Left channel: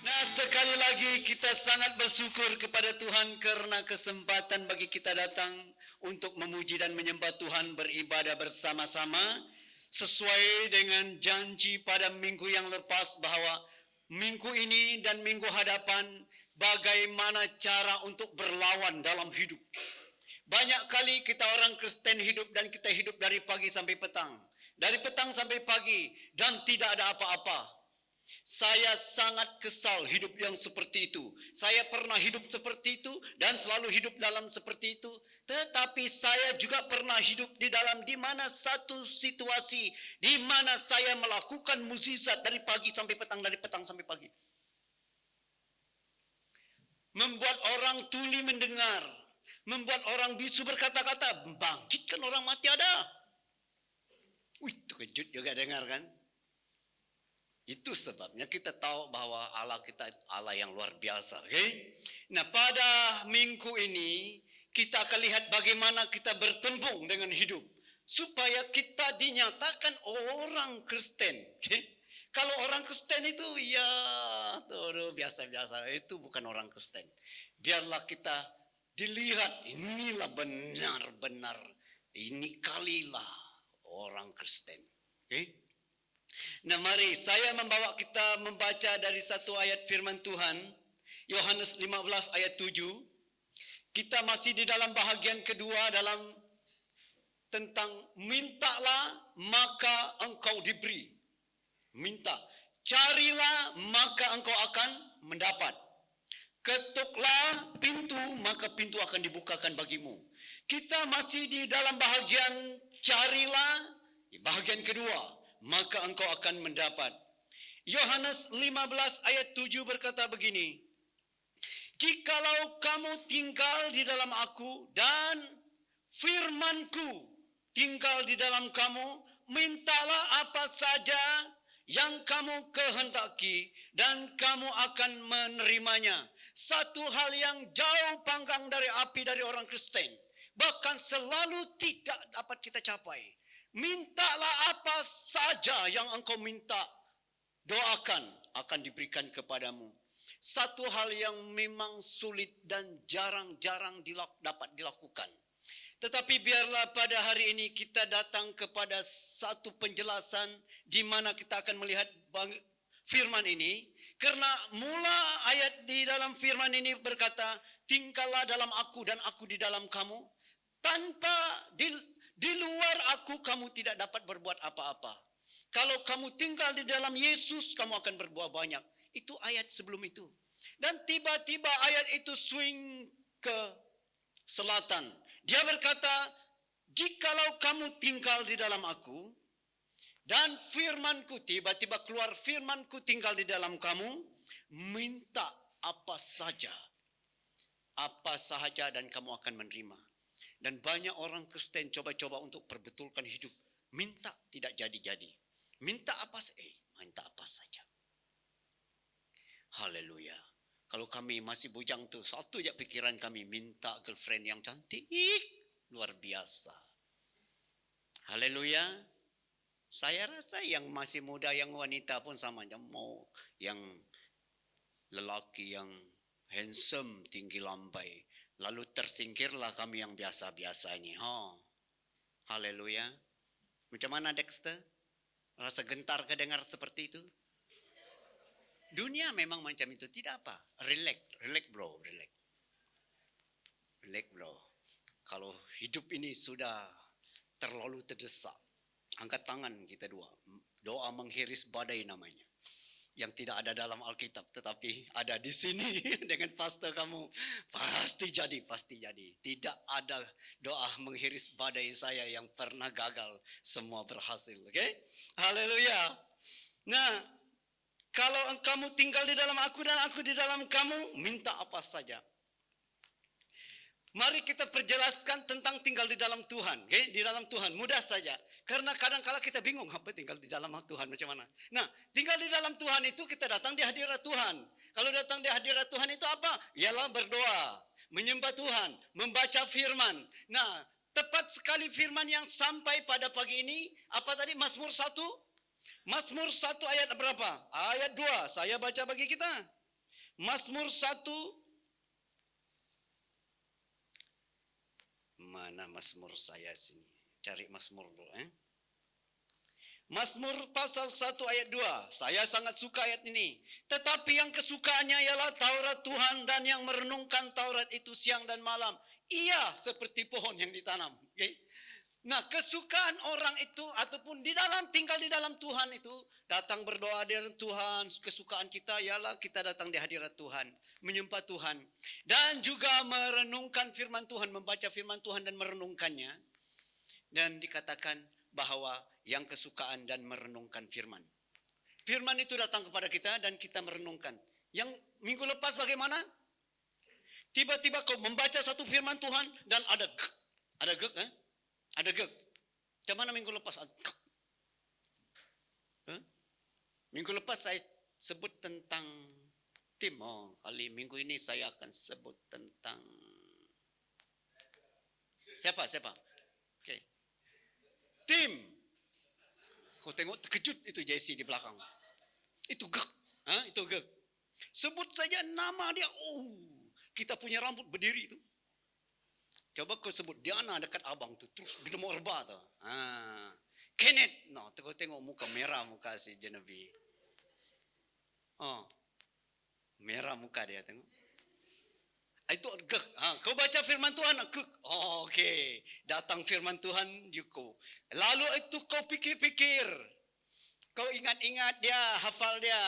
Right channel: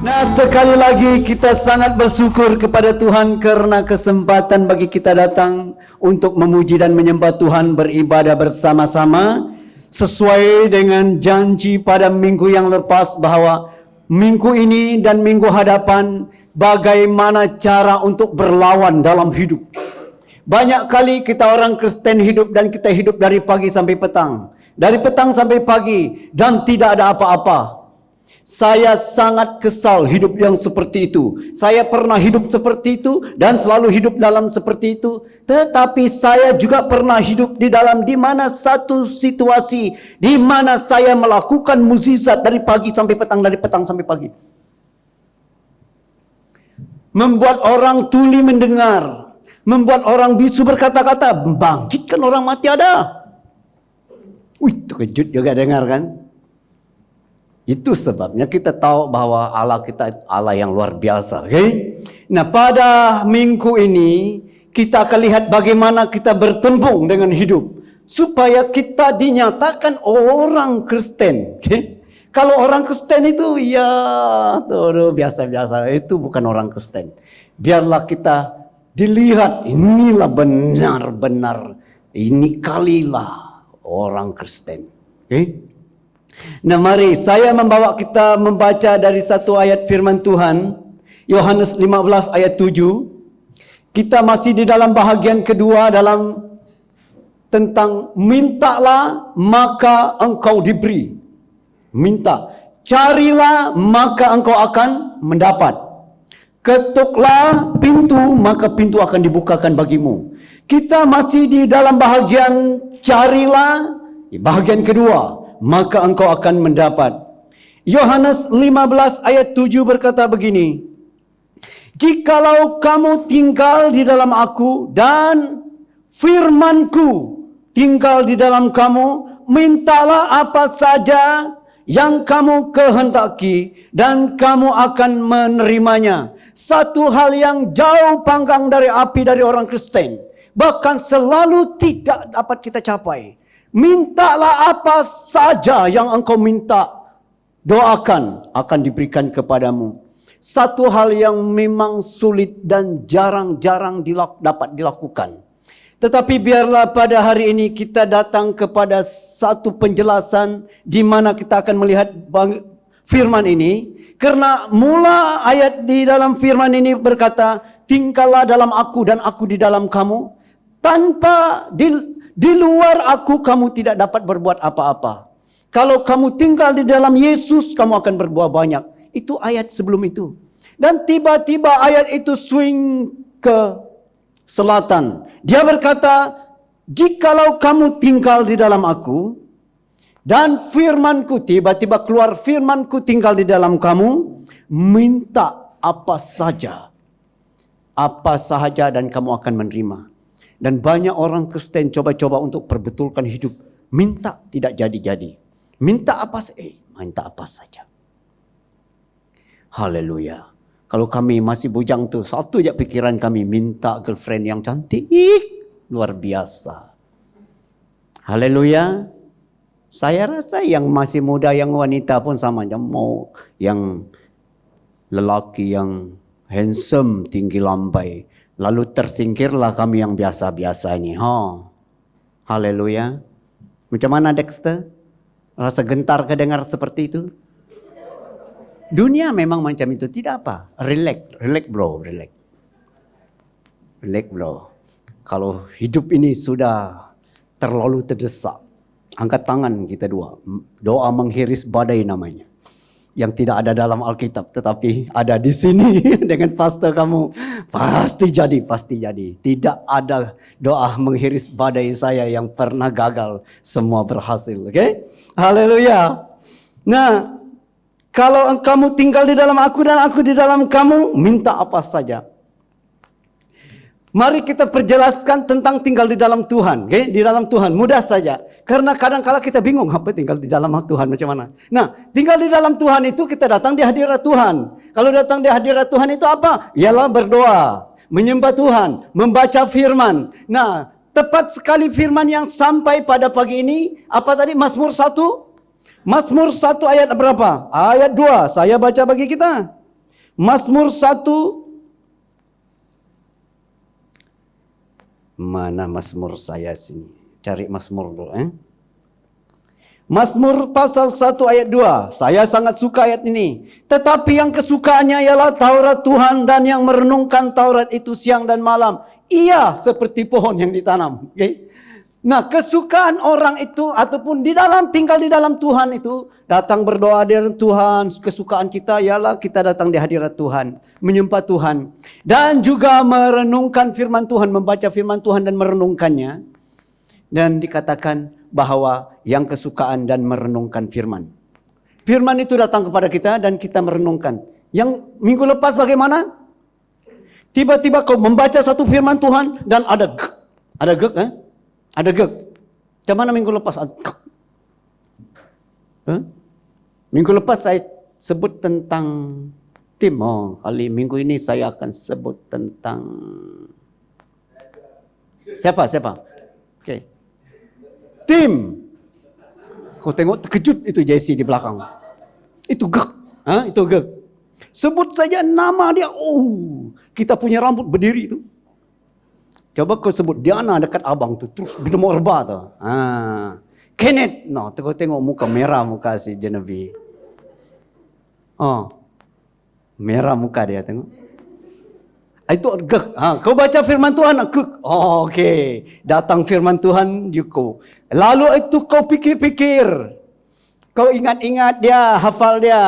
Nah, sekali lagi kita sangat bersyukur kepada Tuhan karena kesempatan bagi kita datang untuk memuji dan menyembah Tuhan, beribadah bersama-sama sesuai dengan janji pada minggu yang lepas bahwa minggu ini dan minggu hadapan bagaimana cara untuk berlawan dalam hidup. Banyak kali kita orang Kristen hidup dan kita hidup dari pagi sampai petang, dari petang sampai pagi dan tidak ada apa-apa. Saya sangat kesal hidup yang seperti itu. Saya pernah hidup seperti itu dan selalu hidup dalam seperti itu. Tetapi saya juga pernah hidup di dalam di mana satu situasi di mana saya melakukan mukjizat dari pagi sampai petang, dari petang sampai pagi. Membuat orang tuli mendengar, membuat orang bisu berkata-kata, membangkitkan orang mati ada. Wih, terkejut juga dengar kan? Itu sebabnya kita tahu bahwa Allah kita Allah yang luar biasa. Okay? Nah, pada minggu ini kita akan lihat bagaimana kita bertembung dengan hidup supaya kita dinyatakan orang Kristen. Okay? Kalau orang Kristen itu ya biasa-biasa, itu bukan orang Kristen. Biarlah kita dilihat, inilah benar-benar, ini kalilah orang Kristen. Okay? Nah, mari saya membawa kita membaca dari satu ayat firman Tuhan, Yohanes 15 ayat 7. Kita masih di dalam bahagian kedua dalam tentang mintalah maka engkau diberi. Minta, carilah maka engkau akan mendapat. Ketuklah pintu maka pintu akan dibukakan bagimu. Kita masih di dalam bahagian carilah, bahagian kedua. Maka engkau akan mendapat. Yohanes 15 ayat 7 berkata begini. Jikalau kamu tinggal di dalam aku dan firmanku tinggal di dalam kamu, mintalah apa saja yang kamu kehendaki dan kamu akan menerimanya. Satu hal yang jauh panggang dari api dari orang Kristen, bahkan selalu tidak dapat kita capai. Mintalah apa saja yang engkau minta, doakan akan diberikan kepadamu. Satu hal yang memang sulit dan jarang-jarang dapat dilakukan. Tetapi biarlah pada hari ini kita datang kepada satu penjelasan di mana kita akan melihat firman ini. Karena mula ayat di dalam firman ini berkata, tinggallah dalam aku dan aku di dalam kamu. Tanpa di luar aku kamu tidak dapat berbuat apa-apa. Kalau kamu tinggal di dalam Yesus, kamu akan berbuat banyak. Itu ayat sebelum itu. Dan tiba-tiba ayat itu swing ke selatan. Dia berkata, jikalau kamu tinggal di dalam aku, dan firmanku, tiba-tiba keluar firmanku tinggal di dalam kamu, minta apa saja. Apa sahaja dan kamu akan menerima. Dan banyak orang Kristen coba-coba untuk perbetulkan hidup. Minta tidak jadi-jadi. Minta apa saja. Haleluya. Kalau kami masih bujang tuh, satu aja pikiran kami, minta girlfriend yang cantik. Luar biasa. Haleluya. Saya rasa yang masih muda, yang wanita pun sama aja. Mau yang lelaki yang handsome, tinggi lambai. Lalu tersingkirlah kami yang biasa-biasa ini. Haleluya. Macam mana Dexter? Rasa gentar kedengar seperti itu? Dunia memang macam itu. Tidak apa. Relax bro. Kalau hidup ini sudah terlalu terdesak, angkat tangan kita dua. Doa menghiris badai namanya. Yang tidak ada dalam Alkitab, tetapi ada di sini dengan pastor kamu. Pasti jadi. Tidak ada doa menghiris badai saya yang pernah gagal, semua berhasil. Oke? Haleluya. Nah, kalau kamu tinggal di dalam aku dan aku di dalam kamu, minta apa saja. Mari kita perjelaskan tentang tinggal di dalam Tuhan. Okay? Di dalam Tuhan, mudah saja. Karena kadang-kala kita bingung, apa tinggal di dalam Tuhan macam mana. Nah, tinggal di dalam Tuhan itu kita datang di hadirat Tuhan. Kalau datang di hadirat Tuhan itu apa? Ialah berdoa, menyembah Tuhan, membaca firman. Nah, tepat sekali firman yang sampai pada pagi ini. Apa tadi? Mazmur 1? Mazmur 1 ayat berapa? Ayat 2. Saya baca bagi kita. Mazmur 1. Mana Mazmur saya sini? Cari Mazmur dulu. Mazmur pasal 1 ayat 2. Saya sangat suka ayat ini. Tetapi yang kesukaannya ialah Taurat Tuhan, dan yang merenungkan Taurat itu siang dan malam. Ia seperti pohon yang ditanam. Okay? Nah, kesukaan orang itu ataupun tinggal di dalam Tuhan itu, datang berdoa di hadirat Tuhan. Kesukaan kita ialah kita datang di hadirat Tuhan, menyembah Tuhan, dan juga merenungkan firman Tuhan, membaca firman Tuhan dan merenungkannya. Dan dikatakan bahwa yang kesukaan dan merenungkan firman. Firman itu datang kepada kita dan kita merenungkan. Yang minggu lepas bagaimana? Tiba-tiba kau membaca satu firman Tuhan dan ada gek, Ada gek. Macam mana minggu lepas? Minggu lepas saya sebut tentang tim. Kali minggu ini saya akan sebut tentang siapa? Okay. Tim. Kau tengok terkejut itu Jesse di belakang. Itu gek. Itu gek. Sebut saja nama dia. Kita punya rambut berdiri itu. Coba kau sebut Diana dekat abang tu, terus bernama Orba tu. Kenneth, tengok muka merah muka si Genevieve. Merah muka dia tengok. Itu gek. Kau baca firman Tuhan, gek. Okey. Datang firman Tuhan juga. Lalu itu kau pikir-pikir. Kau ingat-ingat dia, hafal dia,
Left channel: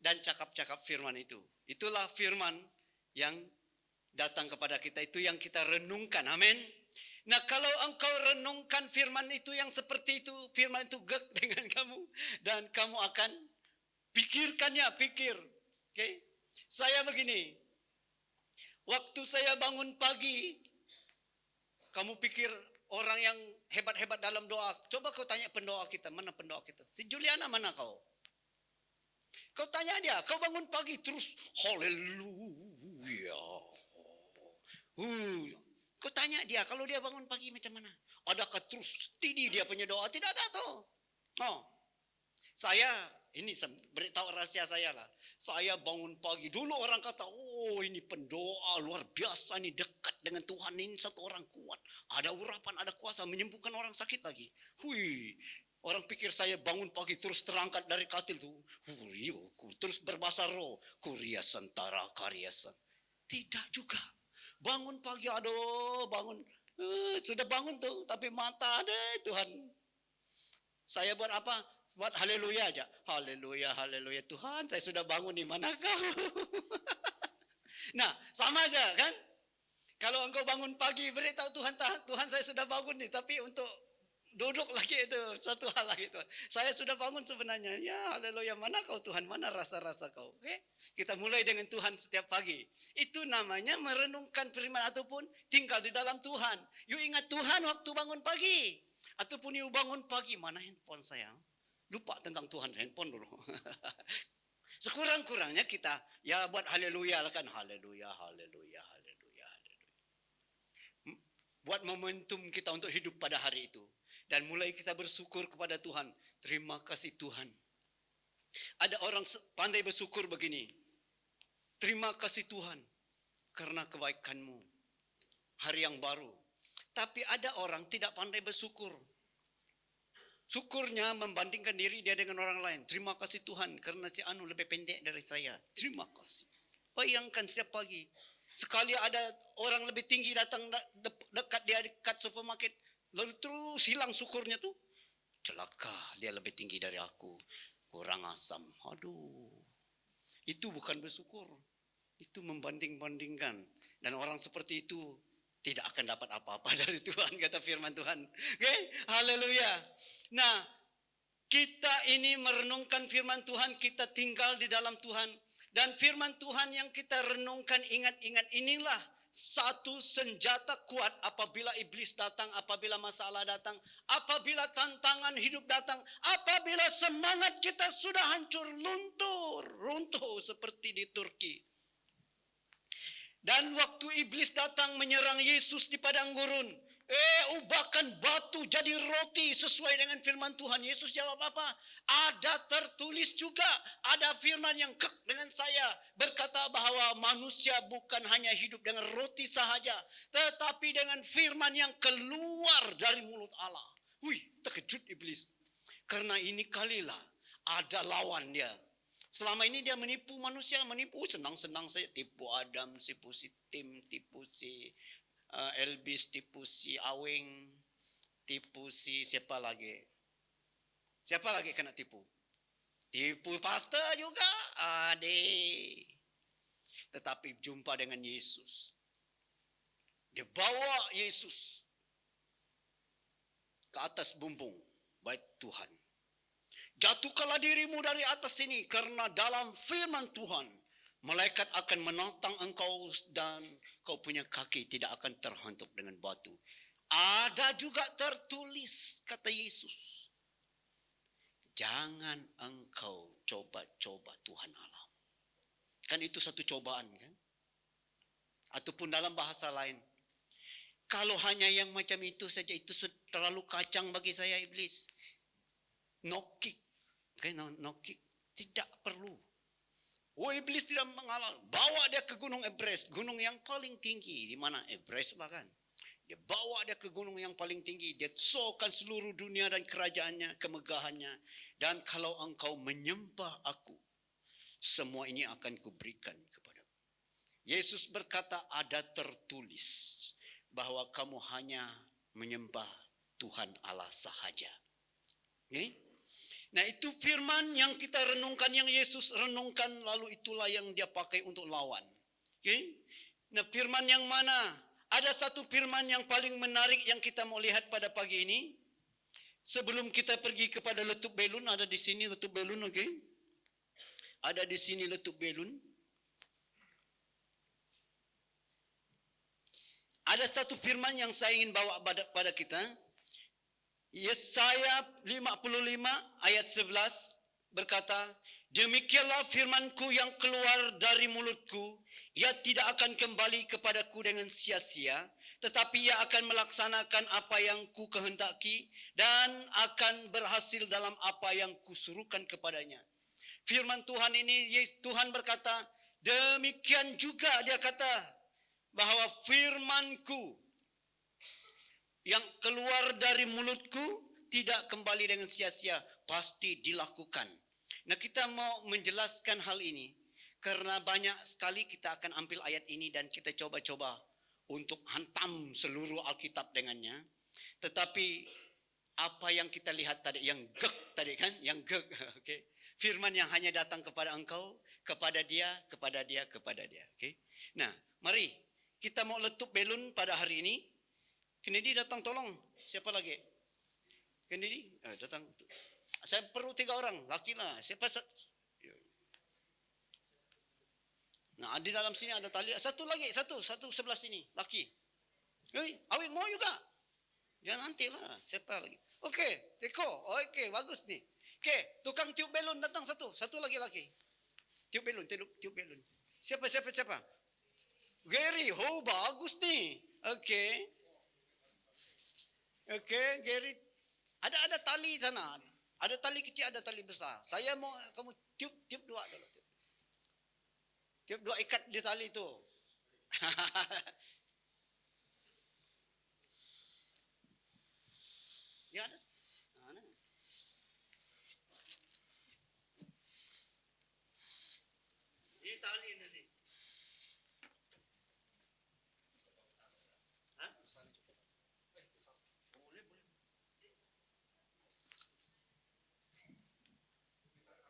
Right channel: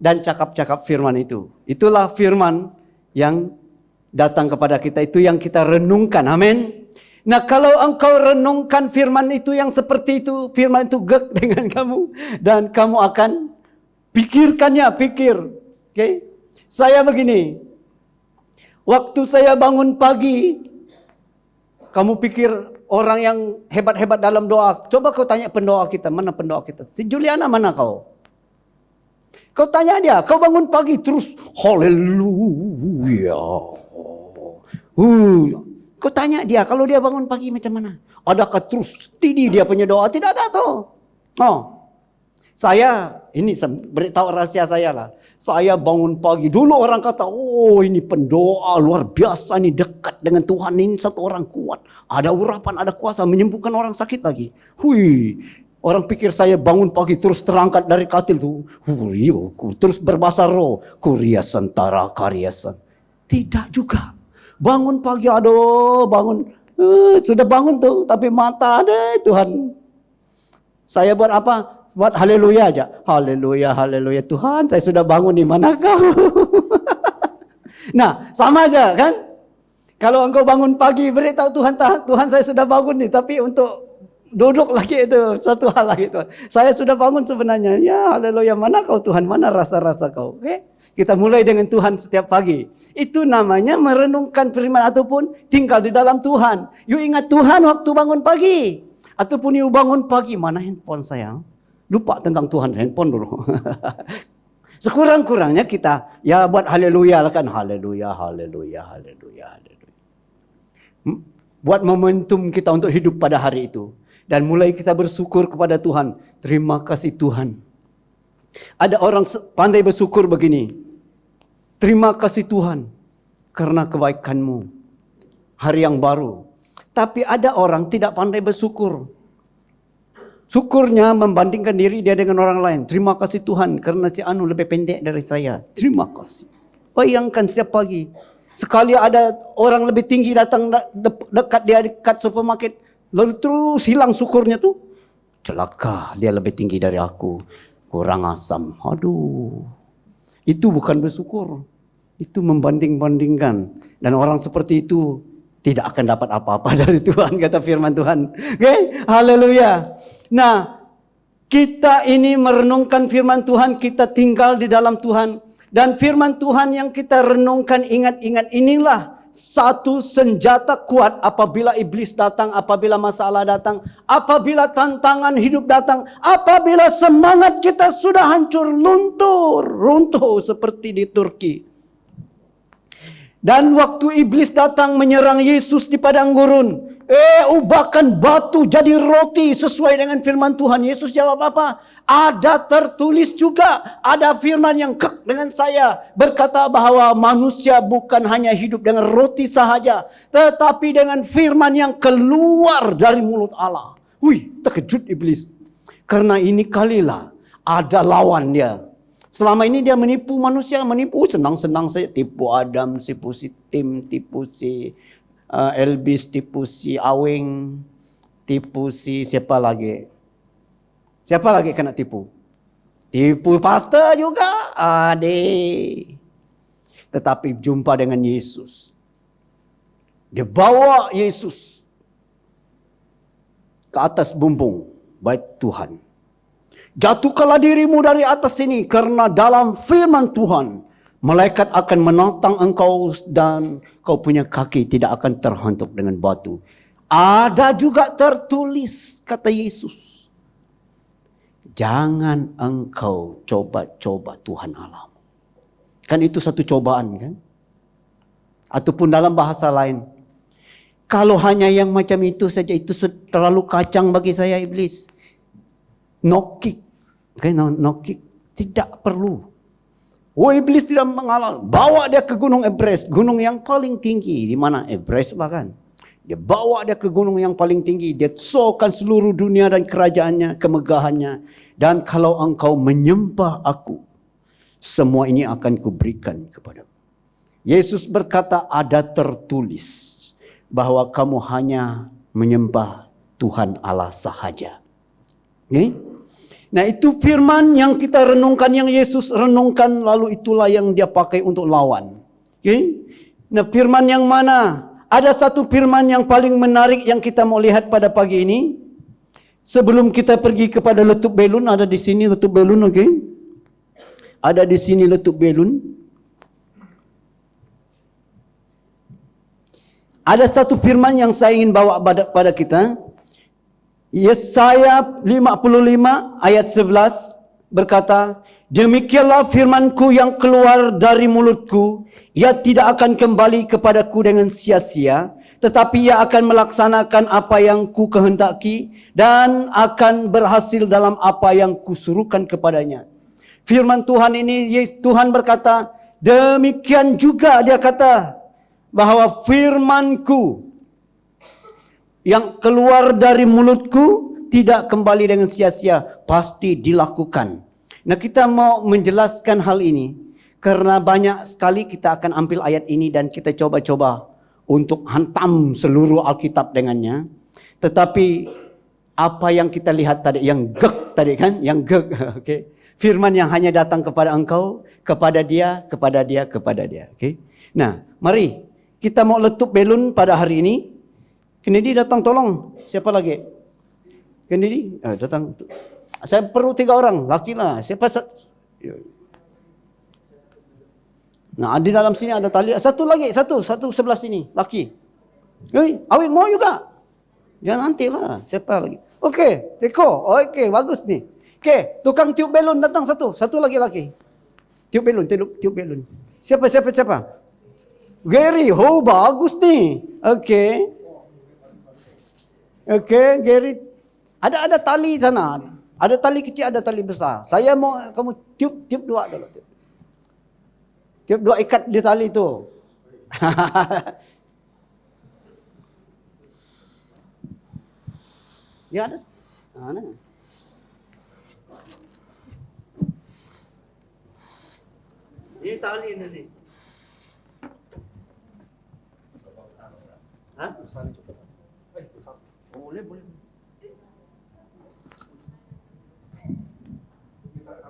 dan cakap-cakap firman itu. Itulah firman yang datang kepada kita, itu yang kita renungkan. Amin. Nah, kalau engkau renungkan firman itu yang seperti itu, firman itu gek dengan kamu, dan kamu akan pikirkannya, pikir. Okay? Saya begini, waktu saya bangun pagi, kamu pikir orang yang hebat-hebat dalam doa, coba kau tanya pendoa kita, mana pendoa kita? Si Juliana mana kau? Kau tanya dia, kau bangun pagi terus haleluya. Kau tanya dia, kalau dia bangun pagi macam mana? Adakah terus tinggi dia punya doa? Tidak ada tuh. Saya, ini beritahu rahasia saya lah. Saya bangun pagi, dulu orang kata, ini pendoa luar biasa nih, dekat dengan Tuhan, ini satu orang kuat. Ada urapan, ada kuasa, menyembuhkan orang sakit lagi. Orang pikir saya bangun pagi terus terangkat dari katil tuh. Terus berbahasa roh. Kuria sentara karyasan. Tidak juga. Bangun pagi, bangun. Sudah bangun tuh, tapi mata ada Tuhan. Saya buat apa? Buat haleluya aja. Haleluya, haleluya. Tuhan, saya sudah bangun, di mana kau? Nah, sama aja kan? Kalau engkau bangun pagi, beritahu Tuhan saya sudah bangun nih, tapi untuk duduk lagi itu satu hal lagi Tuhan. Saya sudah bangun sebenarnya. Ya haleluya, mana kau Tuhan? Mana rasa-rasa kau? Oke? Kita mulai dengan Tuhan setiap pagi. Itu namanya merenungkan firman ataupun tinggal di dalam Tuhan. You ingat Tuhan waktu bangun pagi. Ataupun you bangun pagi, mana handphone saya? Lupa tentang Tuhan, handphone dulu. Sekurang-kurangnya kita ya buat haleluya lah kan. Haleluya, haleluya, haleluya, haleluya. Buat momentum kita untuk hidup pada hari itu. Dan mulai kita bersyukur kepada Tuhan. Terima kasih Tuhan. Ada orang pandai bersyukur begini. Terima kasih Tuhan karena kebaikan-Mu. Hari yang baru. Tapi ada orang tidak pandai bersyukur. Syukurnya membandingkan diri dia dengan orang lain. Terima kasih Tuhan karena si Anu lebih pendek dari saya. Terima kasih. Bayangkan setiap pagi. Sekali ada orang lebih tinggi datang dekat supermarket. Lalu terus hilang syukurnya tuh. Celaka, dia lebih tinggi dari aku. Kurang asam. Aduh. Itu bukan bersyukur. Itu membanding-bandingkan. Dan orang seperti itu tidak akan dapat apa-apa dari Tuhan, kata firman Tuhan. Oke? Haleluya. Nah, kita ini merenungkan firman Tuhan, kita tinggal di dalam Tuhan. Dan firman Tuhan yang kita renungkan, ingat-ingat, inilah satu senjata kuat apabila iblis datang, apabila masalah datang, apabila tantangan hidup datang, apabila semangat kita sudah hancur, runtuh seperti di Turki. Dan waktu iblis datang menyerang Yesus di padang gurun, Ubahkan batu jadi roti sesuai dengan firman Tuhan. Yesus jawab apa? Ada tertulis juga. Ada firman yang kek dengan saya. Berkata bahwa manusia bukan hanya hidup dengan roti sahaja. Tetapi dengan firman yang keluar dari mulut Allah. Terkejut iblis. Karena ini kalilah ada lawan dia. Selama ini dia menipu manusia. Senang-senang saya. Tipu Adam, tipu si Tim, tipu si Elvis, tipu si Aweng, tipu si siapa lagi? Siapa lagi kena tipu? Tipu pastor juga. Tetapi jumpa dengan Yesus. Dia bawa Yesus ke atas bumbung bait Tuhan. Jatuhkanlah dirimu dari atas sini, karena dalam firman Tuhan, malaikat akan menantang engkau dan kau punya kaki tidak akan terhantuk dengan batu. Ada juga tertulis, kata Yesus, jangan engkau coba-coba Tuhan Allah. Kan itu satu cobaan kan? Ataupun dalam bahasa lain, kalau hanya yang macam itu saja, itu terlalu kacang bagi saya iblis. No kick. Okay, no kick. Tidak perlu. Iblis tidak mengalah. Bawa dia ke Gunung Everest. Gunung yang paling tinggi. Di mana? Everest bahkan. Dia bawa dia ke gunung yang paling tinggi. Dia sokan seluruh dunia dan kerajaannya, kemegahannya. Dan kalau engkau menyembah aku, semua ini akan kuberikan kepadamu. Yesus berkata, ada tertulis bahwa kamu hanya menyembah Tuhan Allah sahaja. Okay? Nah, itu firman yang kita renungkan, yang Yesus renungkan, lalu itulah yang dia pakai untuk lawan. Okay? Nah, firman yang mana? Ada satu firman yang paling menarik yang kita mau lihat pada pagi ini. Sebelum kita pergi kepada letup belun, ada di sini letup belun, okay? Ada di sini letup belun. Ada satu firman yang saya ingin bawa pada kita. Yesaya 55 ayat 11 berkata, demikianlah firmanku yang keluar dari mulutku, ia tidak akan kembali kepadaku dengan sia-sia, tetapi ia akan melaksanakan apa yang ku kehendaki dan akan berhasil dalam apa yang kusuruhkan kepadanya. Firman Tuhan ini, Tuhan berkata, demikian juga dia kata, bahwa firmanku yang keluar dari mulutku tidak kembali dengan sia-sia, pasti dilakukan. Nah, kita mau menjelaskan hal ini karena banyak sekali kita akan ambil ayat ini dan kita coba-coba untuk hantam seluruh Alkitab dengannya. Tetapi apa yang kita lihat tadi, yang gek tadi kan, yang gek, okay? Firman yang hanya datang kepada engkau, kepada dia, kepada dia, kepada dia. Okay? Nah, mari kita mau letup belun pada hari ini. Kennedy datang tolong. Siapa lagi? Kennedy datang. Saya perlu 3 orang. Laki lah. Siapa? Nah, di dalam sini ada tali. Satu lagi. Satu sebelah sini. Laki. Awik mau juga? Jangan nanti lah. Siapa lagi? Okey. Teko. Okey. Bagus nih. Okey. Tukang tiup belun datang satu. Satu lagi laki. Tiup belun. Siapa? Gary. Oh, bagus nih. Okey. Okey, Gary. Ada tali sana. Ada tali kecil, ada tali besar. Saya mau kamu tiup 2 dulu. Tiup 2 ikat di tali itu. Ya ada. Mana? Ini tali ini. Hah? Boleh.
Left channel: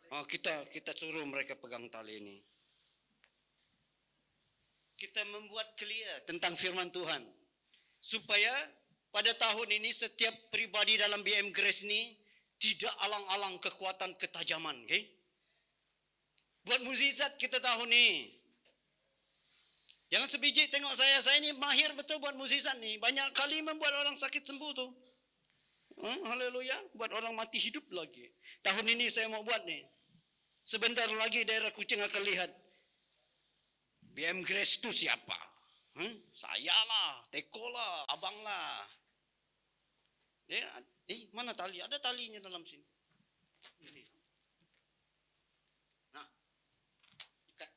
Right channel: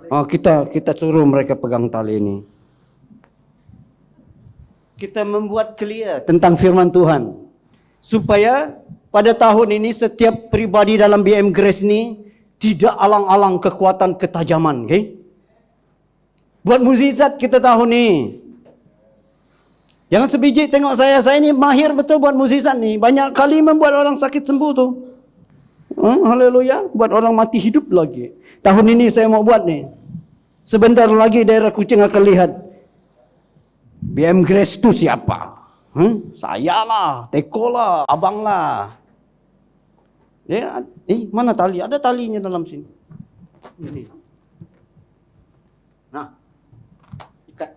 Oh, kita suruh mereka pegang tali ini. Kita membuat clear tentang firman Tuhan. Supaya pada tahun ini setiap pribadi dalam BM Grace ini tidak alang-alang kekuatan ketajaman. Okay? Buat mukjizat kita tahun ini. Jangan sebiji tengok saya ini mahir betul buat mukjizat nih. Banyak kali membuat orang sakit sembuh tuh. Haleluya, buat orang mati hidup lagi. Tahun ini saya mau buat nih. Sebentar lagi daerah Kuching akan lihat BM Grace itu siapa? Saya lah, Teko lah, abang lah. Mana tali? Ada talinya dalam sini. Ini. Nah, ikat.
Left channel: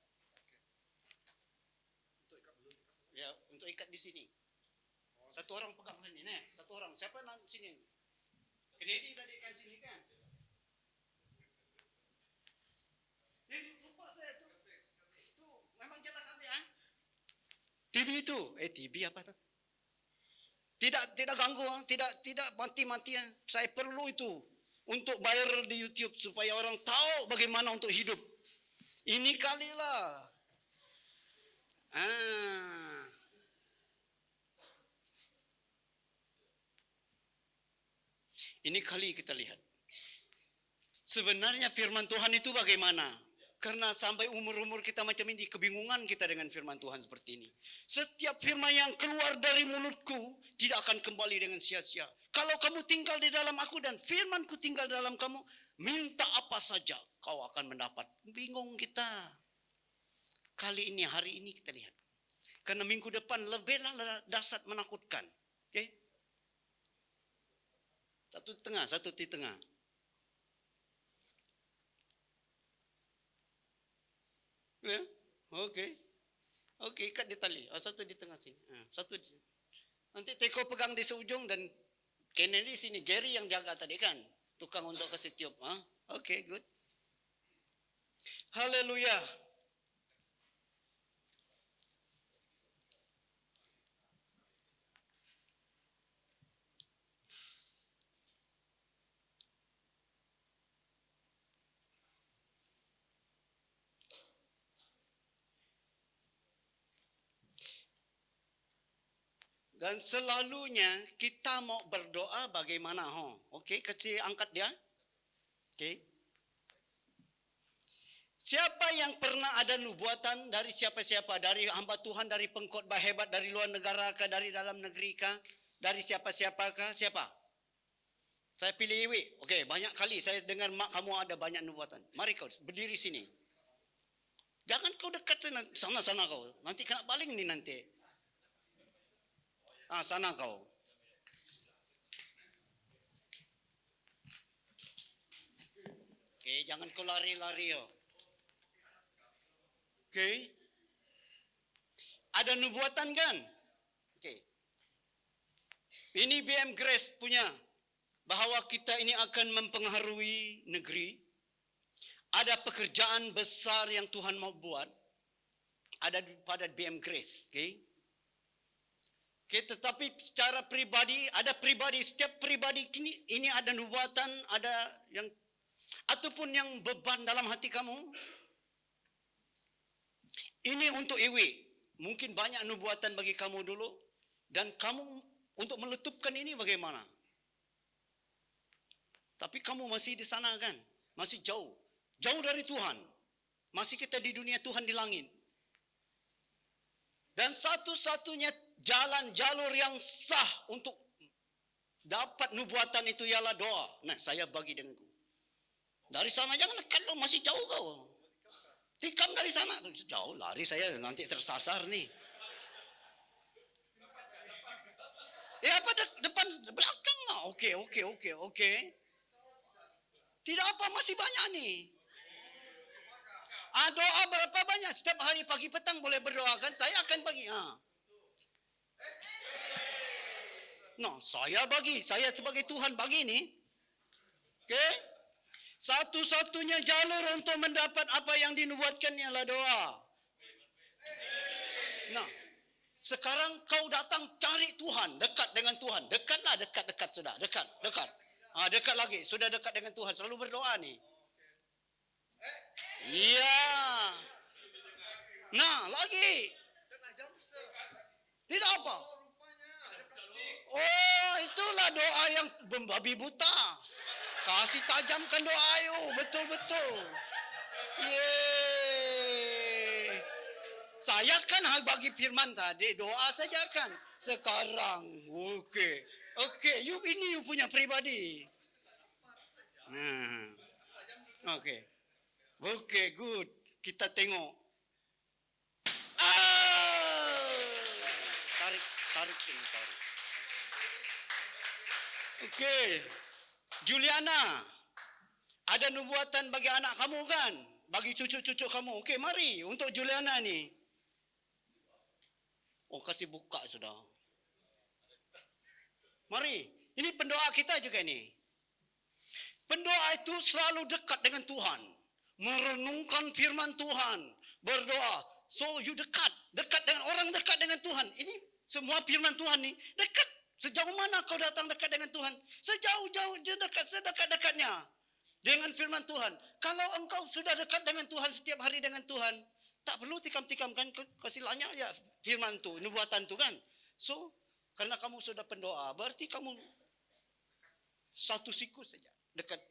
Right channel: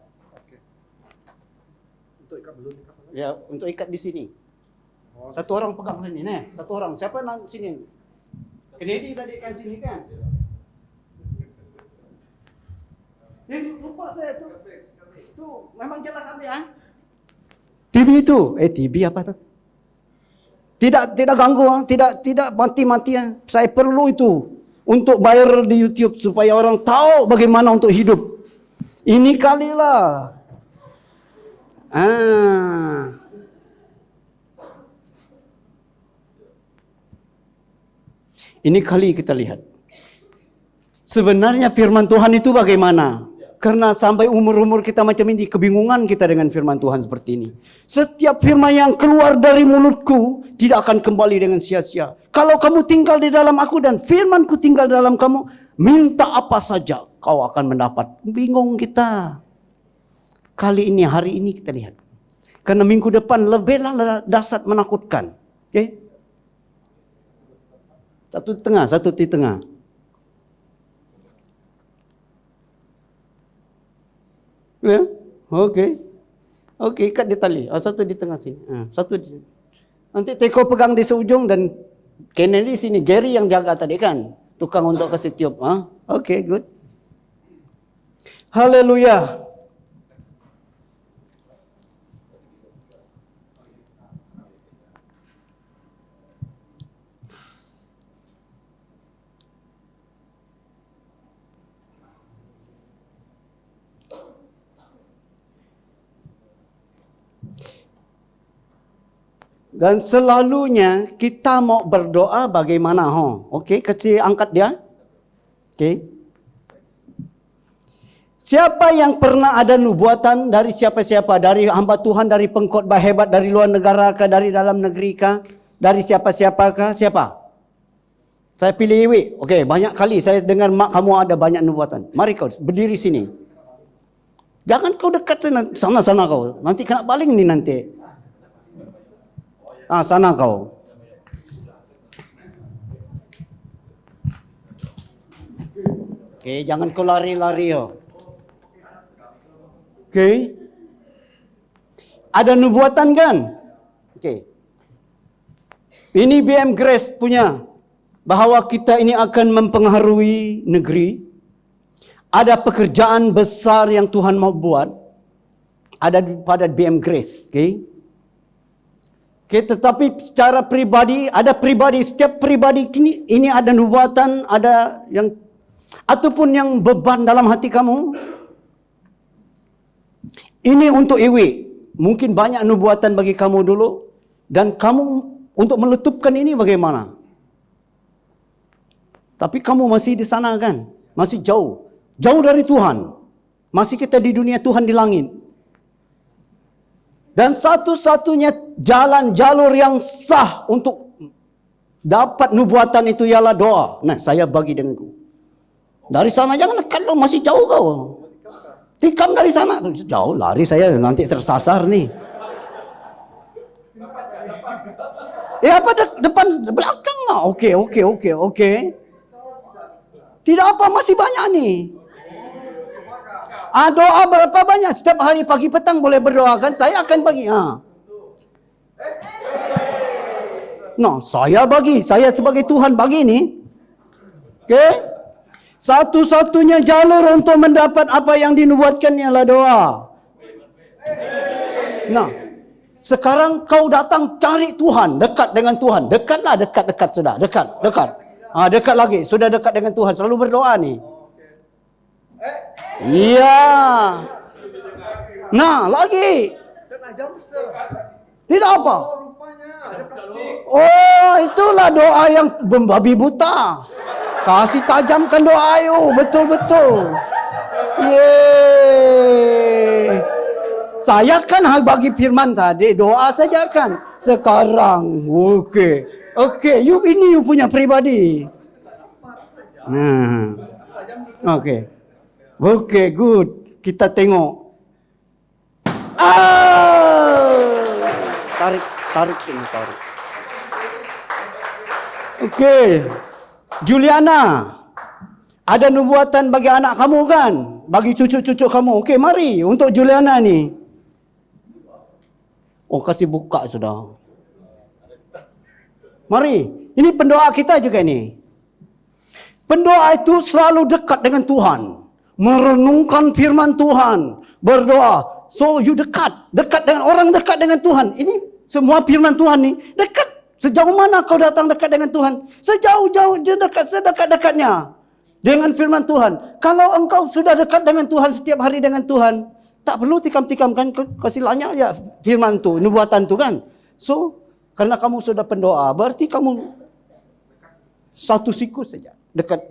Untuk ikat belum ikat. Ya, untuk ikat di sini. Satu orang pegang sini, nih. Satu orang. Siapa sini? Kennedy tadi kan sini kan? Lupa saya tuh. Tuh, memang jelas ambil ya. TB itu, TB apa tuh? Tidak ganggu, tidak mati-mati. Saya perlu itu untuk viral di YouTube supaya orang tahu bagaimana untuk hidup. Ini kalilah. Ini kali kita lihat. Sebenarnya firman Tuhan itu bagaimana? Karena sampai umur-umur kita macam ini, kebingungan kita dengan firman Tuhan seperti ini. Setiap firman yang keluar dari mulutku tidak akan kembali dengan sia-sia. Kalau kamu tinggal di dalam aku dan firmanku tinggal di dalam kamu, minta apa saja kau akan mendapat. Bingung kita. Kali ini, hari ini kita lihat. Karena minggu depan lebihlah dahsyat menakutkan. Okay? Satu di tengah. Ya, oke, ikat di tali. Satu di tengah sini, satu di sini. Nanti Teko pegang di seujung dan Kennedy sini. Gary yang jaga tadi kan, tukang untuk kasih tiup. Oke, good. Haleluya. Dan selalunya kita mau berdoa bagaimana? Okey, kecil angkat dia. Okey. Siapa yang pernah ada nubuatan dari siapa-siapa? Dari hamba Tuhan, dari pengkhotbah hebat, dari luar negara kah, dari dalam negeri kah? Dari siapa-siapakah? Siapa? Saya pilih Iwi. Okey, banyak kali saya dengar mak kamu ada banyak nubuatan. Mari kau berdiri sini. Jangan kau dekat sana kau. Nanti kena baling ni nanti. Sana kau. Okey, jangan kau lari-lari. Okey. Ada nubuatan kan? Okey. Ini BM Grace punya. Bahawa kita ini akan mempengaruhi negeri. Ada pekerjaan besar yang Tuhan mau buat. Ada pada BM Grace. Okey. Okay, tetapi secara pribadi, setiap pribadi ini ada nubuatan, ada yang ataupun yang beban dalam hati kamu. Ini untuk Iwi. Mungkin banyak nubuatan bagi kamu dulu dan kamu untuk meletupkan ini bagaimana? Tapi kamu masih di sana kan? Masih jauh dari Tuhan. Masih kita di dunia, Tuhan di langit. Dan satu-satunya jalur yang sah untuk dapat nubuatan itu ialah doa. Nah, saya bagi denganku. Dari sana jangan dekat lo, masih jauh kau. Tikam dari sana. Jauh, lari saya nanti tersasar nih. Apa depan, belakang lah. Oke. Tidak apa, masih banyak nih. Doa berapa banyak? Setiap hari pagi petang boleh berdoa kan? Saya akan bagi. Saya bagi. Saya sebagai Tuhan bagi ni. Okay? Satu-satunya jalur untuk mendapat apa yang dinubuatkan ialah doa. Sekarang kau datang cari Tuhan. Dekat dengan Tuhan. Dekatlah, dekat sudah. Dekat. Dekat lagi. Sudah dekat dengan Tuhan. Selalu berdoa ni. Iya. Lagi. Tidak apa. Itulah doa yang membabi buta. Kasih tajamkan doa ayo. Betul. Yeay. Saya kan bagi firman tadi. Doa saja kan. Sekarang. Okey. You punya pribadi. Okey, good. Kita tengok. Tarik sini. Okey. Juliana, ada nubuatan bagi anak kamu kan? Bagi cucu-cucu kamu. Okey, mari untuk Juliana ni. Oh, kasih buka sudah. Mari. Ini pendoa kita juga ni. Pendoa itu selalu dekat dengan Tuhan. Merenungkan firman Tuhan. Berdoa. So, you dekat. Dekat dengan orang, dekat dengan Tuhan. Ini semua firman Tuhan ni dekat. Sejauh mana kau datang dekat dengan Tuhan? Sejauh-jauh je dekat, sedekat-dekatnya dengan firman Tuhan. Kalau engkau sudah dekat dengan Tuhan, setiap hari dengan Tuhan, tak perlu tikam-tikamkan, kasih lanyak je firman tu, nubuatan tu kan. So, karena kamu sudah pendoa, berarti kamu satu siku saja dekat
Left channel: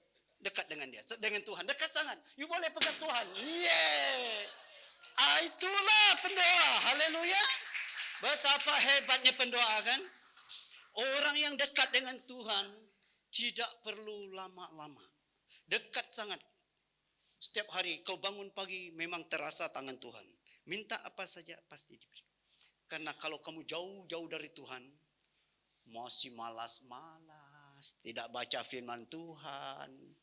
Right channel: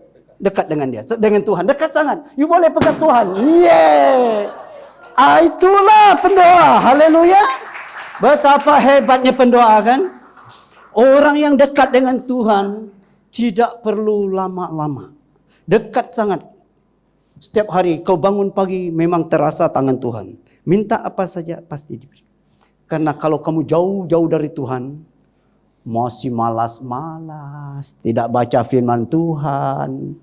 dengan dia, dengan Tuhan, dekat sangat. You boleh pegang Tuhan. Yeah. Itulah pendoa. Haleluya. Betapa hebatnya pendoa kan? Orang yang dekat dengan Tuhan tidak perlu lama-lama. Dekat sangat. Setiap hari kau bangun pagi memang terasa tangan Tuhan. Minta apa saja pasti diberi. Karena kalau kamu jauh-jauh dari Tuhan, masih malas-malas, tidak baca firman Tuhan.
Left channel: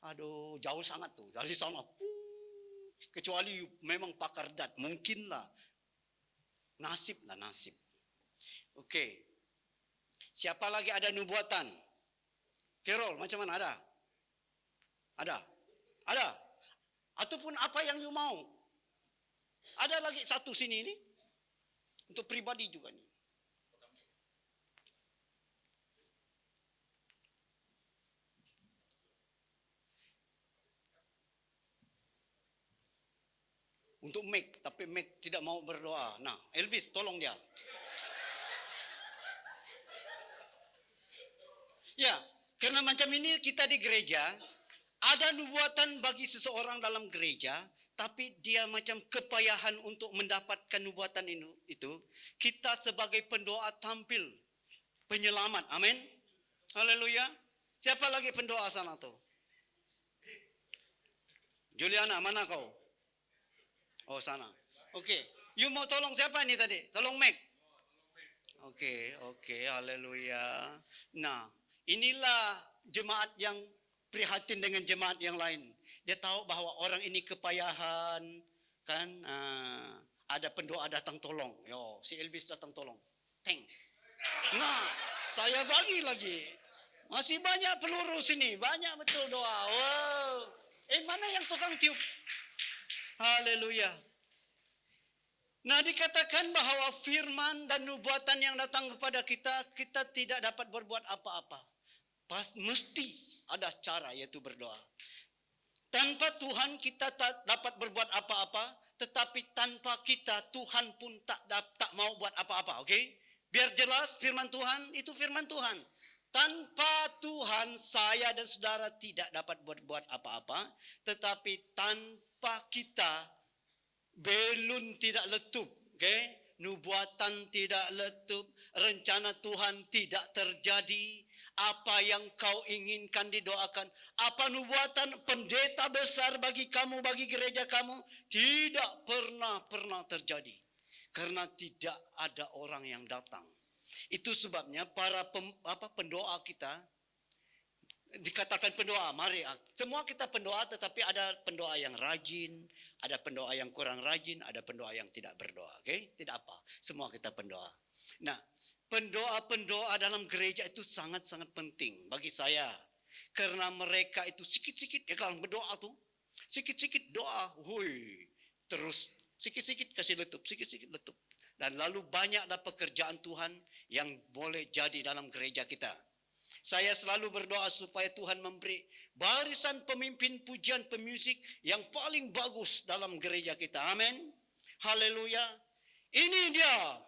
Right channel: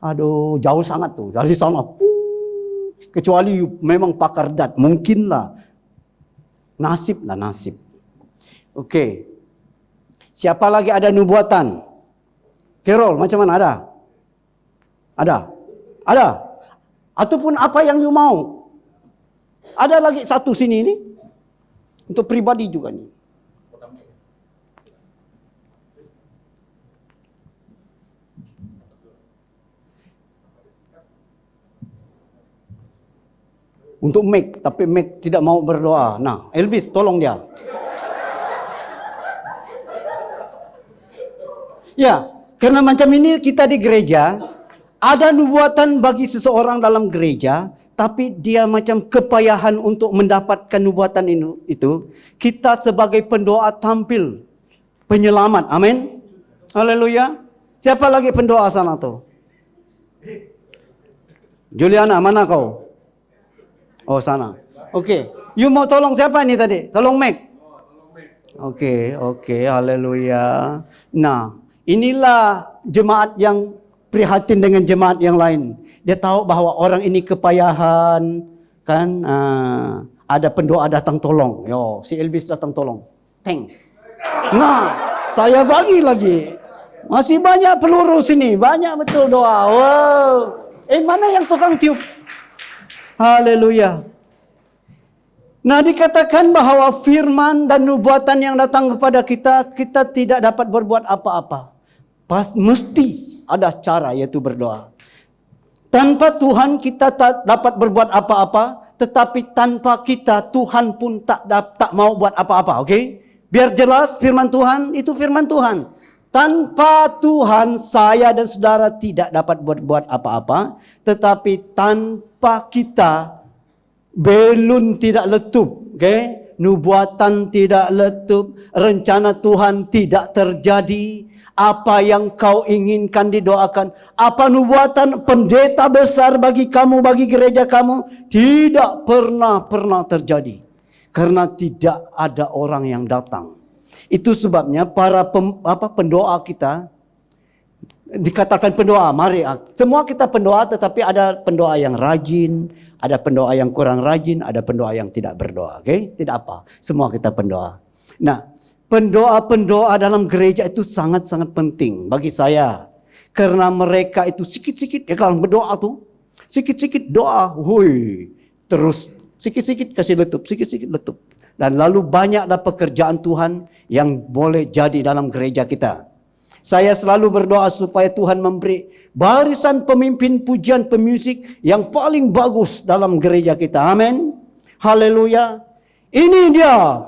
Aduh, jauh sangat tuh dari sana. Kecuali memang pakar dat, mungkinlah. Nasib lah nasib. Okey. Siapa lagi ada nubuatan? Carol, macam mana ada? Ada. Ataupun apa yang you mau? Ada lagi satu sini ni. Untuk pribadi juga ni. Untuk Meg, tapi Meg tidak mau berdoa. Nah, Elvis tolong dia. Ya, karena macam ini kita di gereja, ada nubuatan bagi seseorang dalam gereja, tapi dia macam kepayahan untuk mendapatkan nubuatan itu. Kita sebagai pendoa tampil penyelamat. Amin. Haleluya. Siapa lagi pendoa sana tu? Juliana, mana kau? Oh, sana. Okey. You mau tolong siapa ni tadi? Tolong Meg. Okey. Haleluya. Nah, inilah jemaat yang prihatin dengan jemaat yang lain. Dia tahu bahawa orang ini kepayahan, kan? Ada pendoa datang tolong. Yo, si Elvis datang tolong. Teng. Nah, saya bagi lagi. Masih banyak peluru sini, banyak betul doa. Wow. Mana yang tukang tiup? Haleluya. Nah, dikatakan bahawa firman dan nubuatan yang datang kepada kita, kita tidak dapat berbuat apa-apa. Mesti ada cara, yaitu berdoa. Tanpa Tuhan kita tak dapat berbuat apa-apa, tetapi tanpa kita Tuhan pun tak mau buat apa-apa. Okey? Biar jelas firman Tuhan itu firman Tuhan. Tanpa Tuhan saya dan saudara tidak dapat berbuat apa-apa, tetapi tanpa kita belun tidak letup. Okey? Nubuatan tidak letup, rencana Tuhan tidak terjadi. Apa yang kau inginkan didoakan, apa nubuatan pendeta besar bagi kamu, bagi gereja kamu, tidak pernah terjadi. Karena tidak ada orang yang datang. Itu sebabnya para pendoa kita, dikatakan pendoa, mari. Semua kita pendoa, tetapi ada pendoa yang rajin, ada pendoa yang kurang rajin, ada pendoa yang tidak berdoa. Okay? Tidak apa, semua kita pendoa. Nah, pendoa-pendoa dalam gereja itu sangat-sangat penting bagi saya. Karena mereka itu sikit-sikit, ya kalau berdoa tu, sikit-sikit doa, terus sikit-sikit kasih letup, sikit-sikit letup. Dan lalu banyaklah pekerjaan Tuhan yang boleh jadi dalam gereja kita. Saya selalu berdoa supaya Tuhan memberi barisan pemimpin pujian pemusik yang paling bagus dalam gereja kita. Amin. Haleluya. Ini dia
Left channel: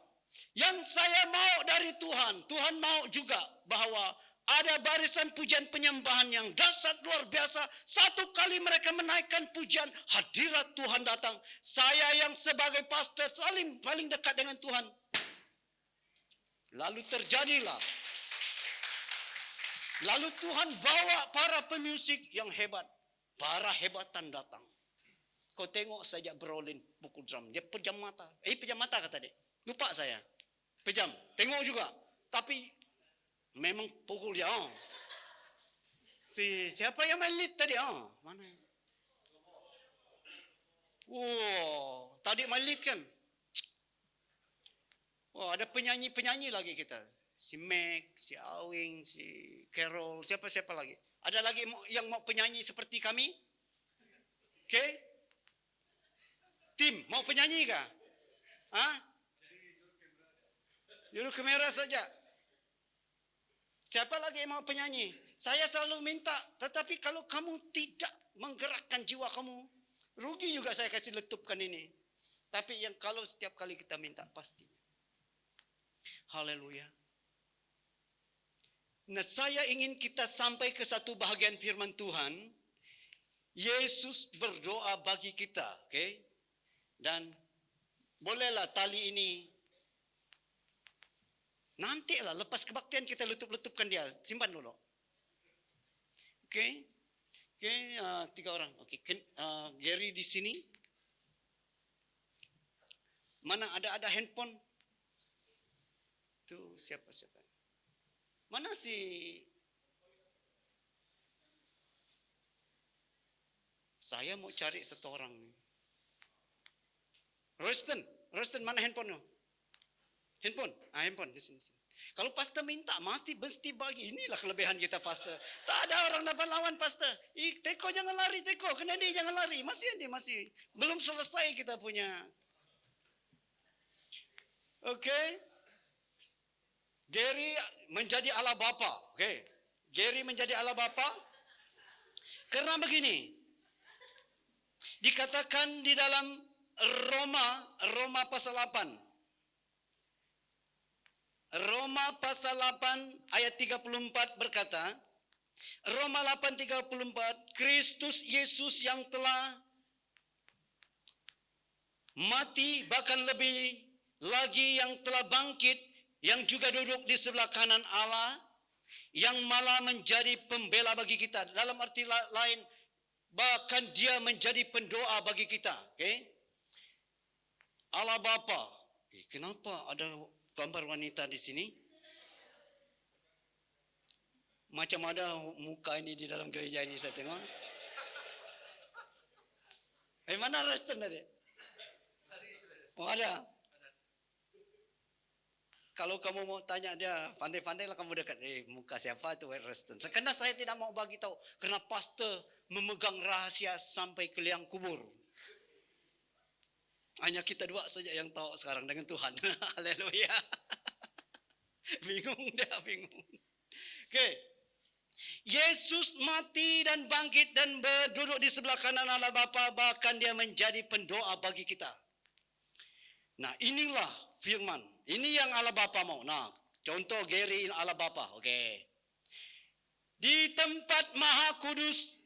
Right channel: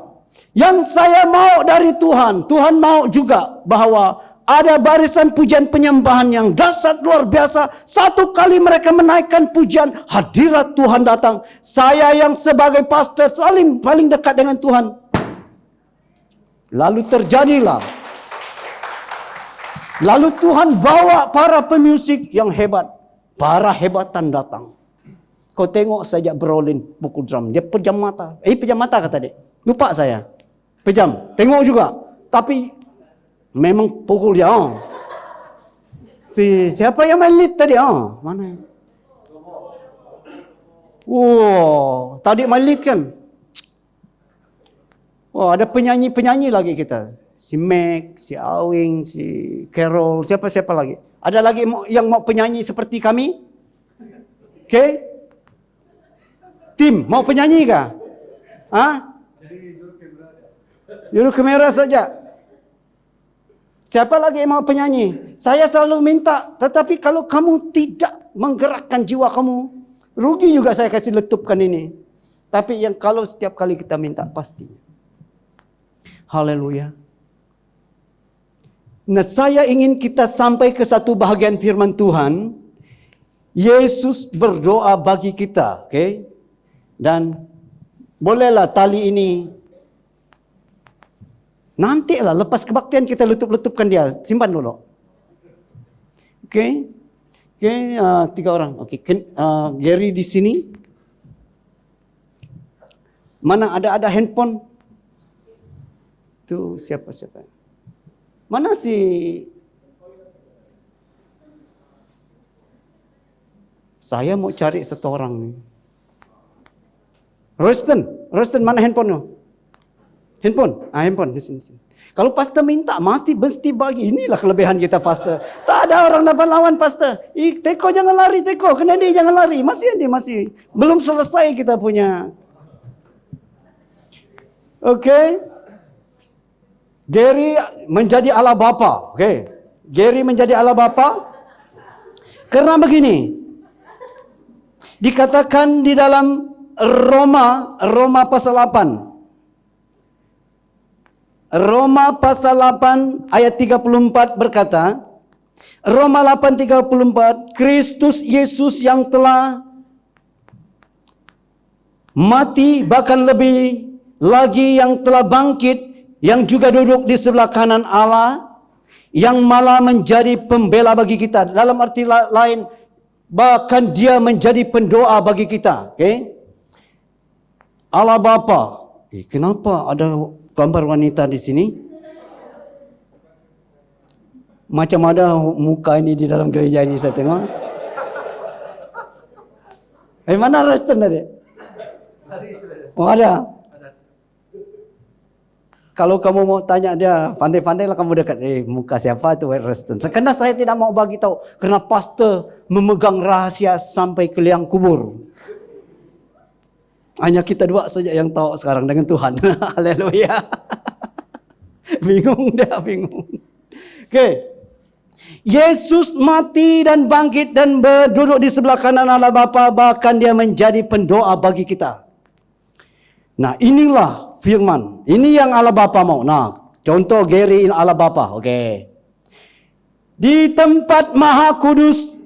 yang saya mau dari Tuhan. Tuhan mau juga bahawa ada barisan pujian penyembahan yang dahsyat luar biasa. Satu kali mereka menaikkan pujian, hadirat Tuhan datang. Saya yang sebagai pastor paling dekat dengan Tuhan. Lalu terjadilah. Lalu Tuhan bawa para pemusik yang hebat. Para hebatan datang. Kau tengok saja Brolin pukul drum. Dia pejam mata. Pejam mata kata dia. Lupa saya. Pejam. Tengok juga. Tapi Memang pukul dia. Siapa yang main lead tadi? Mana? Tadi main lead kan? Ada penyanyi-penyanyi lagi kita. Si Mac, si Awing, si Carol, siapa-siapa lagi. Ada lagi yang mau penyanyi seperti kami? Okay? Tim, mau penyanyi kah? Juru kamera saja. Siapa lagi yang mau penyanyi? Saya selalu minta, tetapi kalau kamu tidak menggerakkan jiwa kamu, rugi juga saya kasih letupkan ini. Tapi yang kalau setiap kali kita minta, pastinya. Haleluya. Nah, saya ingin kita sampai ke satu bahagian firman Tuhan. Yesus berdoa bagi kita, okay? Dan bolehlah tali ini nantilah lepas kebaktian kita letup-letupkan dia. Simpan dulu. Okay? Okay, 3 orang. Okay. Gary di sini. Mana ada handphone? Itu siapa? Mana si saya mau cari satu orang nih. Royston, mana handphone-nya? Handphone di sini. Kalau pastor minta, mesti bagi. Inilah kelebihan kita, pastor. Tak ada orang dapat lawan, pastor. Teko jangan lari, Teko. Kennedy jangan lari. Masih. Belum selesai kita punya. Okay. Gary menjadi Allah Bapa. Okay. Gary menjadi Allah Bapa. Karena begini. Dikatakan di dalam Roma pasal 8. Roma pasal 8 ayat 34 berkata, Roma 8:34, Kristus Yesus yang telah mati, bahkan lebih lagi yang telah bangkit, yang juga duduk di sebelah kanan Allah, yang malah menjadi pembela bagi kita. Dalam arti lain, bahkan dia menjadi pendoa bagi kita. Okay? Allah Bapa. Kenapa ada gambar wanita di sini? Macam ada muka ini di dalam gereja ini saya tengok. Mana Reston tadi? Ada. Kalau kamu mau tanya dia, pandai-pandai lah kamu dekat. Muka siapa tu Reston? Karena saya tidak mau bagi tahu. Karena pastor memegang rahasia sampai ke liang kubur. Hanya kita dua saja yang tahu sekarang dengan Tuhan. Haleluya. Bingung. Okay. Yesus mati dan bangkit dan berduduk di sebelah kanan Allah Bapa, bahkan dia menjadi pendoa bagi kita. Nah, inilah firman. Ini yang Allah Bapa mau. Nah, contoh Gary Allah Bapa. Okay. Di tempat Maha Kudus,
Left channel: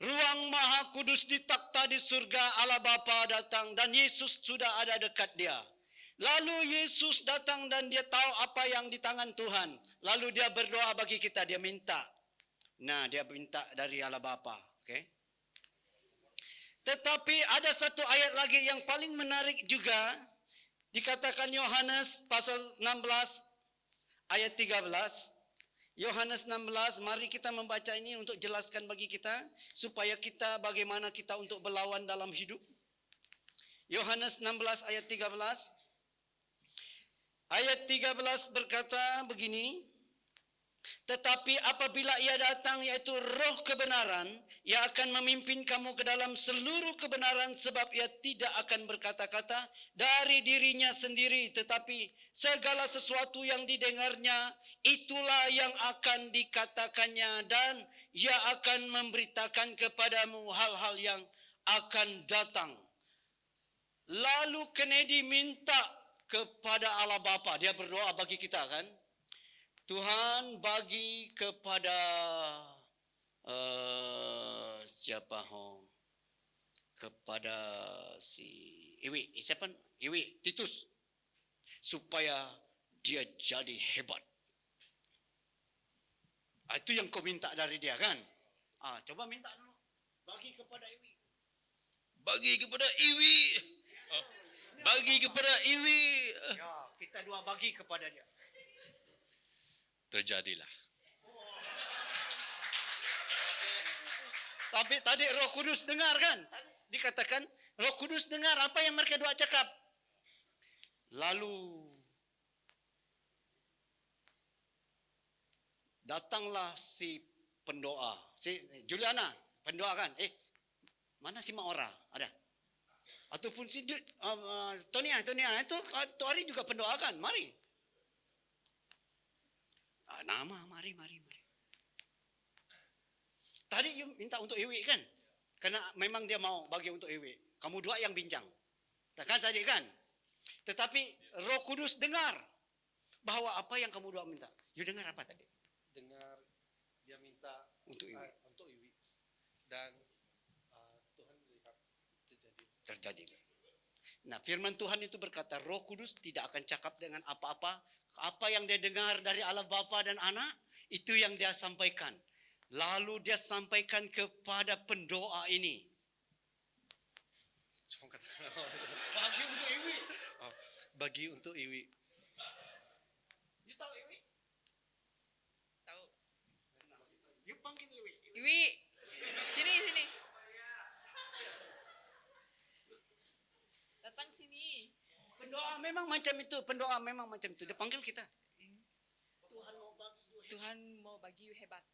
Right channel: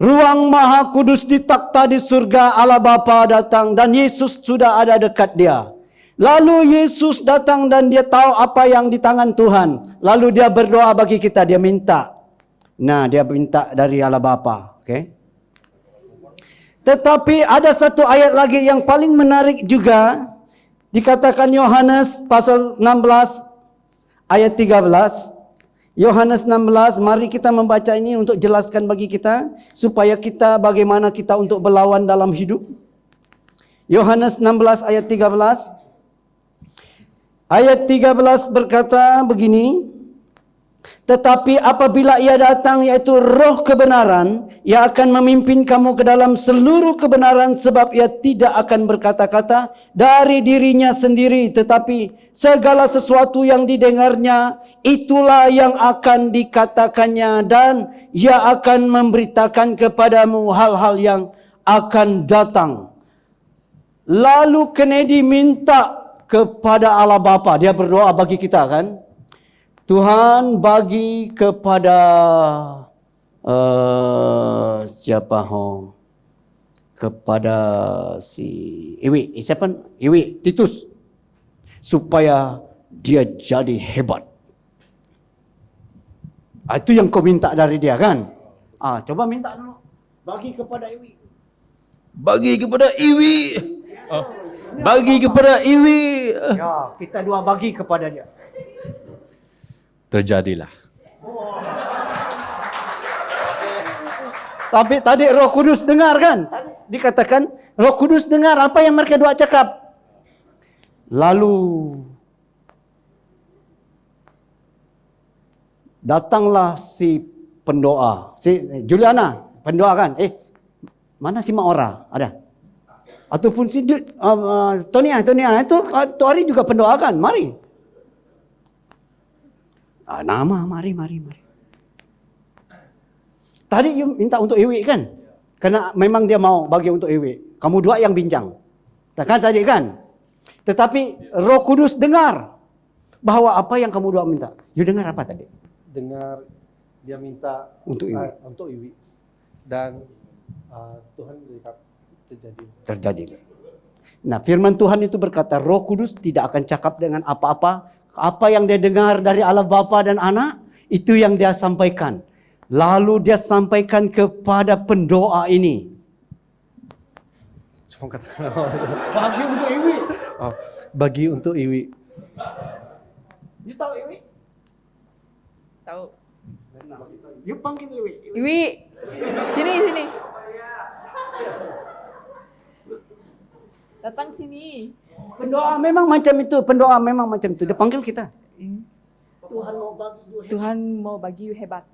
ruang Maha Kudus di takhta di surga, Allah Bapa datang dan Yesus sudah ada dekat dia. Lalu Yesus datang dan dia tahu apa yang di tangan Tuhan. Lalu dia berdoa bagi kita, dia minta. Nah, dia minta dari Allah Bapa. Okay? Tetapi ada satu ayat lagi yang paling menarik juga. Dikatakan Yohanes pasal 16 ayat 13. Yohanes 16, mari kita membaca ini untuk jelaskan bagi kita, supaya kita bagaimana kita untuk berlawan dalam hidup. Yohanes 16 ayat 13. Ayat 13 berkata begini, tetapi apabila ia datang, yaitu roh kebenaran, ia akan memimpin kamu ke dalam seluruh kebenaran, sebab ia tidak akan berkata-kata dari dirinya sendiri, tetapi segala sesuatu yang didengarnya, itulah yang akan dikatakannya, dan ia akan memberitakan kepadamu hal-hal yang akan datang. Lalu Kennedy minta kepada Allah Bapa, dia berdoa bagi kita kan. Tuhan bagi kepada kepada si Iwi, siapa? Iwi Titus, supaya dia jadi hebat. Itu yang kau minta dari dia kan? Coba minta dulu. Bagi kepada Iwi. Bagi kepada Iwi. Bagi kepada Iwi. Ya, kita dua bagi kepada dia. terjadilah. Tapi tadi Roh Kudus dengar kan? Dikatakan Roh Kudus dengar apa yang mereka doa cakap. Lalu datanglah si pendoa, si Juliana, pendoa kan? Mana si Maora? Ada? Ataupun si Tonia itu hari juga pendoa kan? Mari. Nama, mari. Tadi you minta untuk Iwi kan? Karena memang dia mau bagi untuk Iwi. Kamu dua yang bincang. Kan tadi kan? Tetapi Roh Kudus dengar bahwa apa yang kamu doa minta. You dengar apa tadi? Dengar dia minta Untuk Iwi. Untuk Iwi. Dan Tuhan berikan Terjadi. Nah, firman Tuhan itu berkata Roh Kudus tidak akan cakap dengan apa-apa. Apa yang dia dengar dari Allah Bapa dan Anak, itu yang dia sampaikan. Lalu dia sampaikan kepada pendoa ini. Semua kata Bagi untuk Iwi. bagi untuk Iwi. You tahu Iwi? Tahu. You panggil Iwi. Iwi, sini. Datang sini. Pendoa memang macam itu. Dia panggil kita. Tuhan mau bagi you hebat.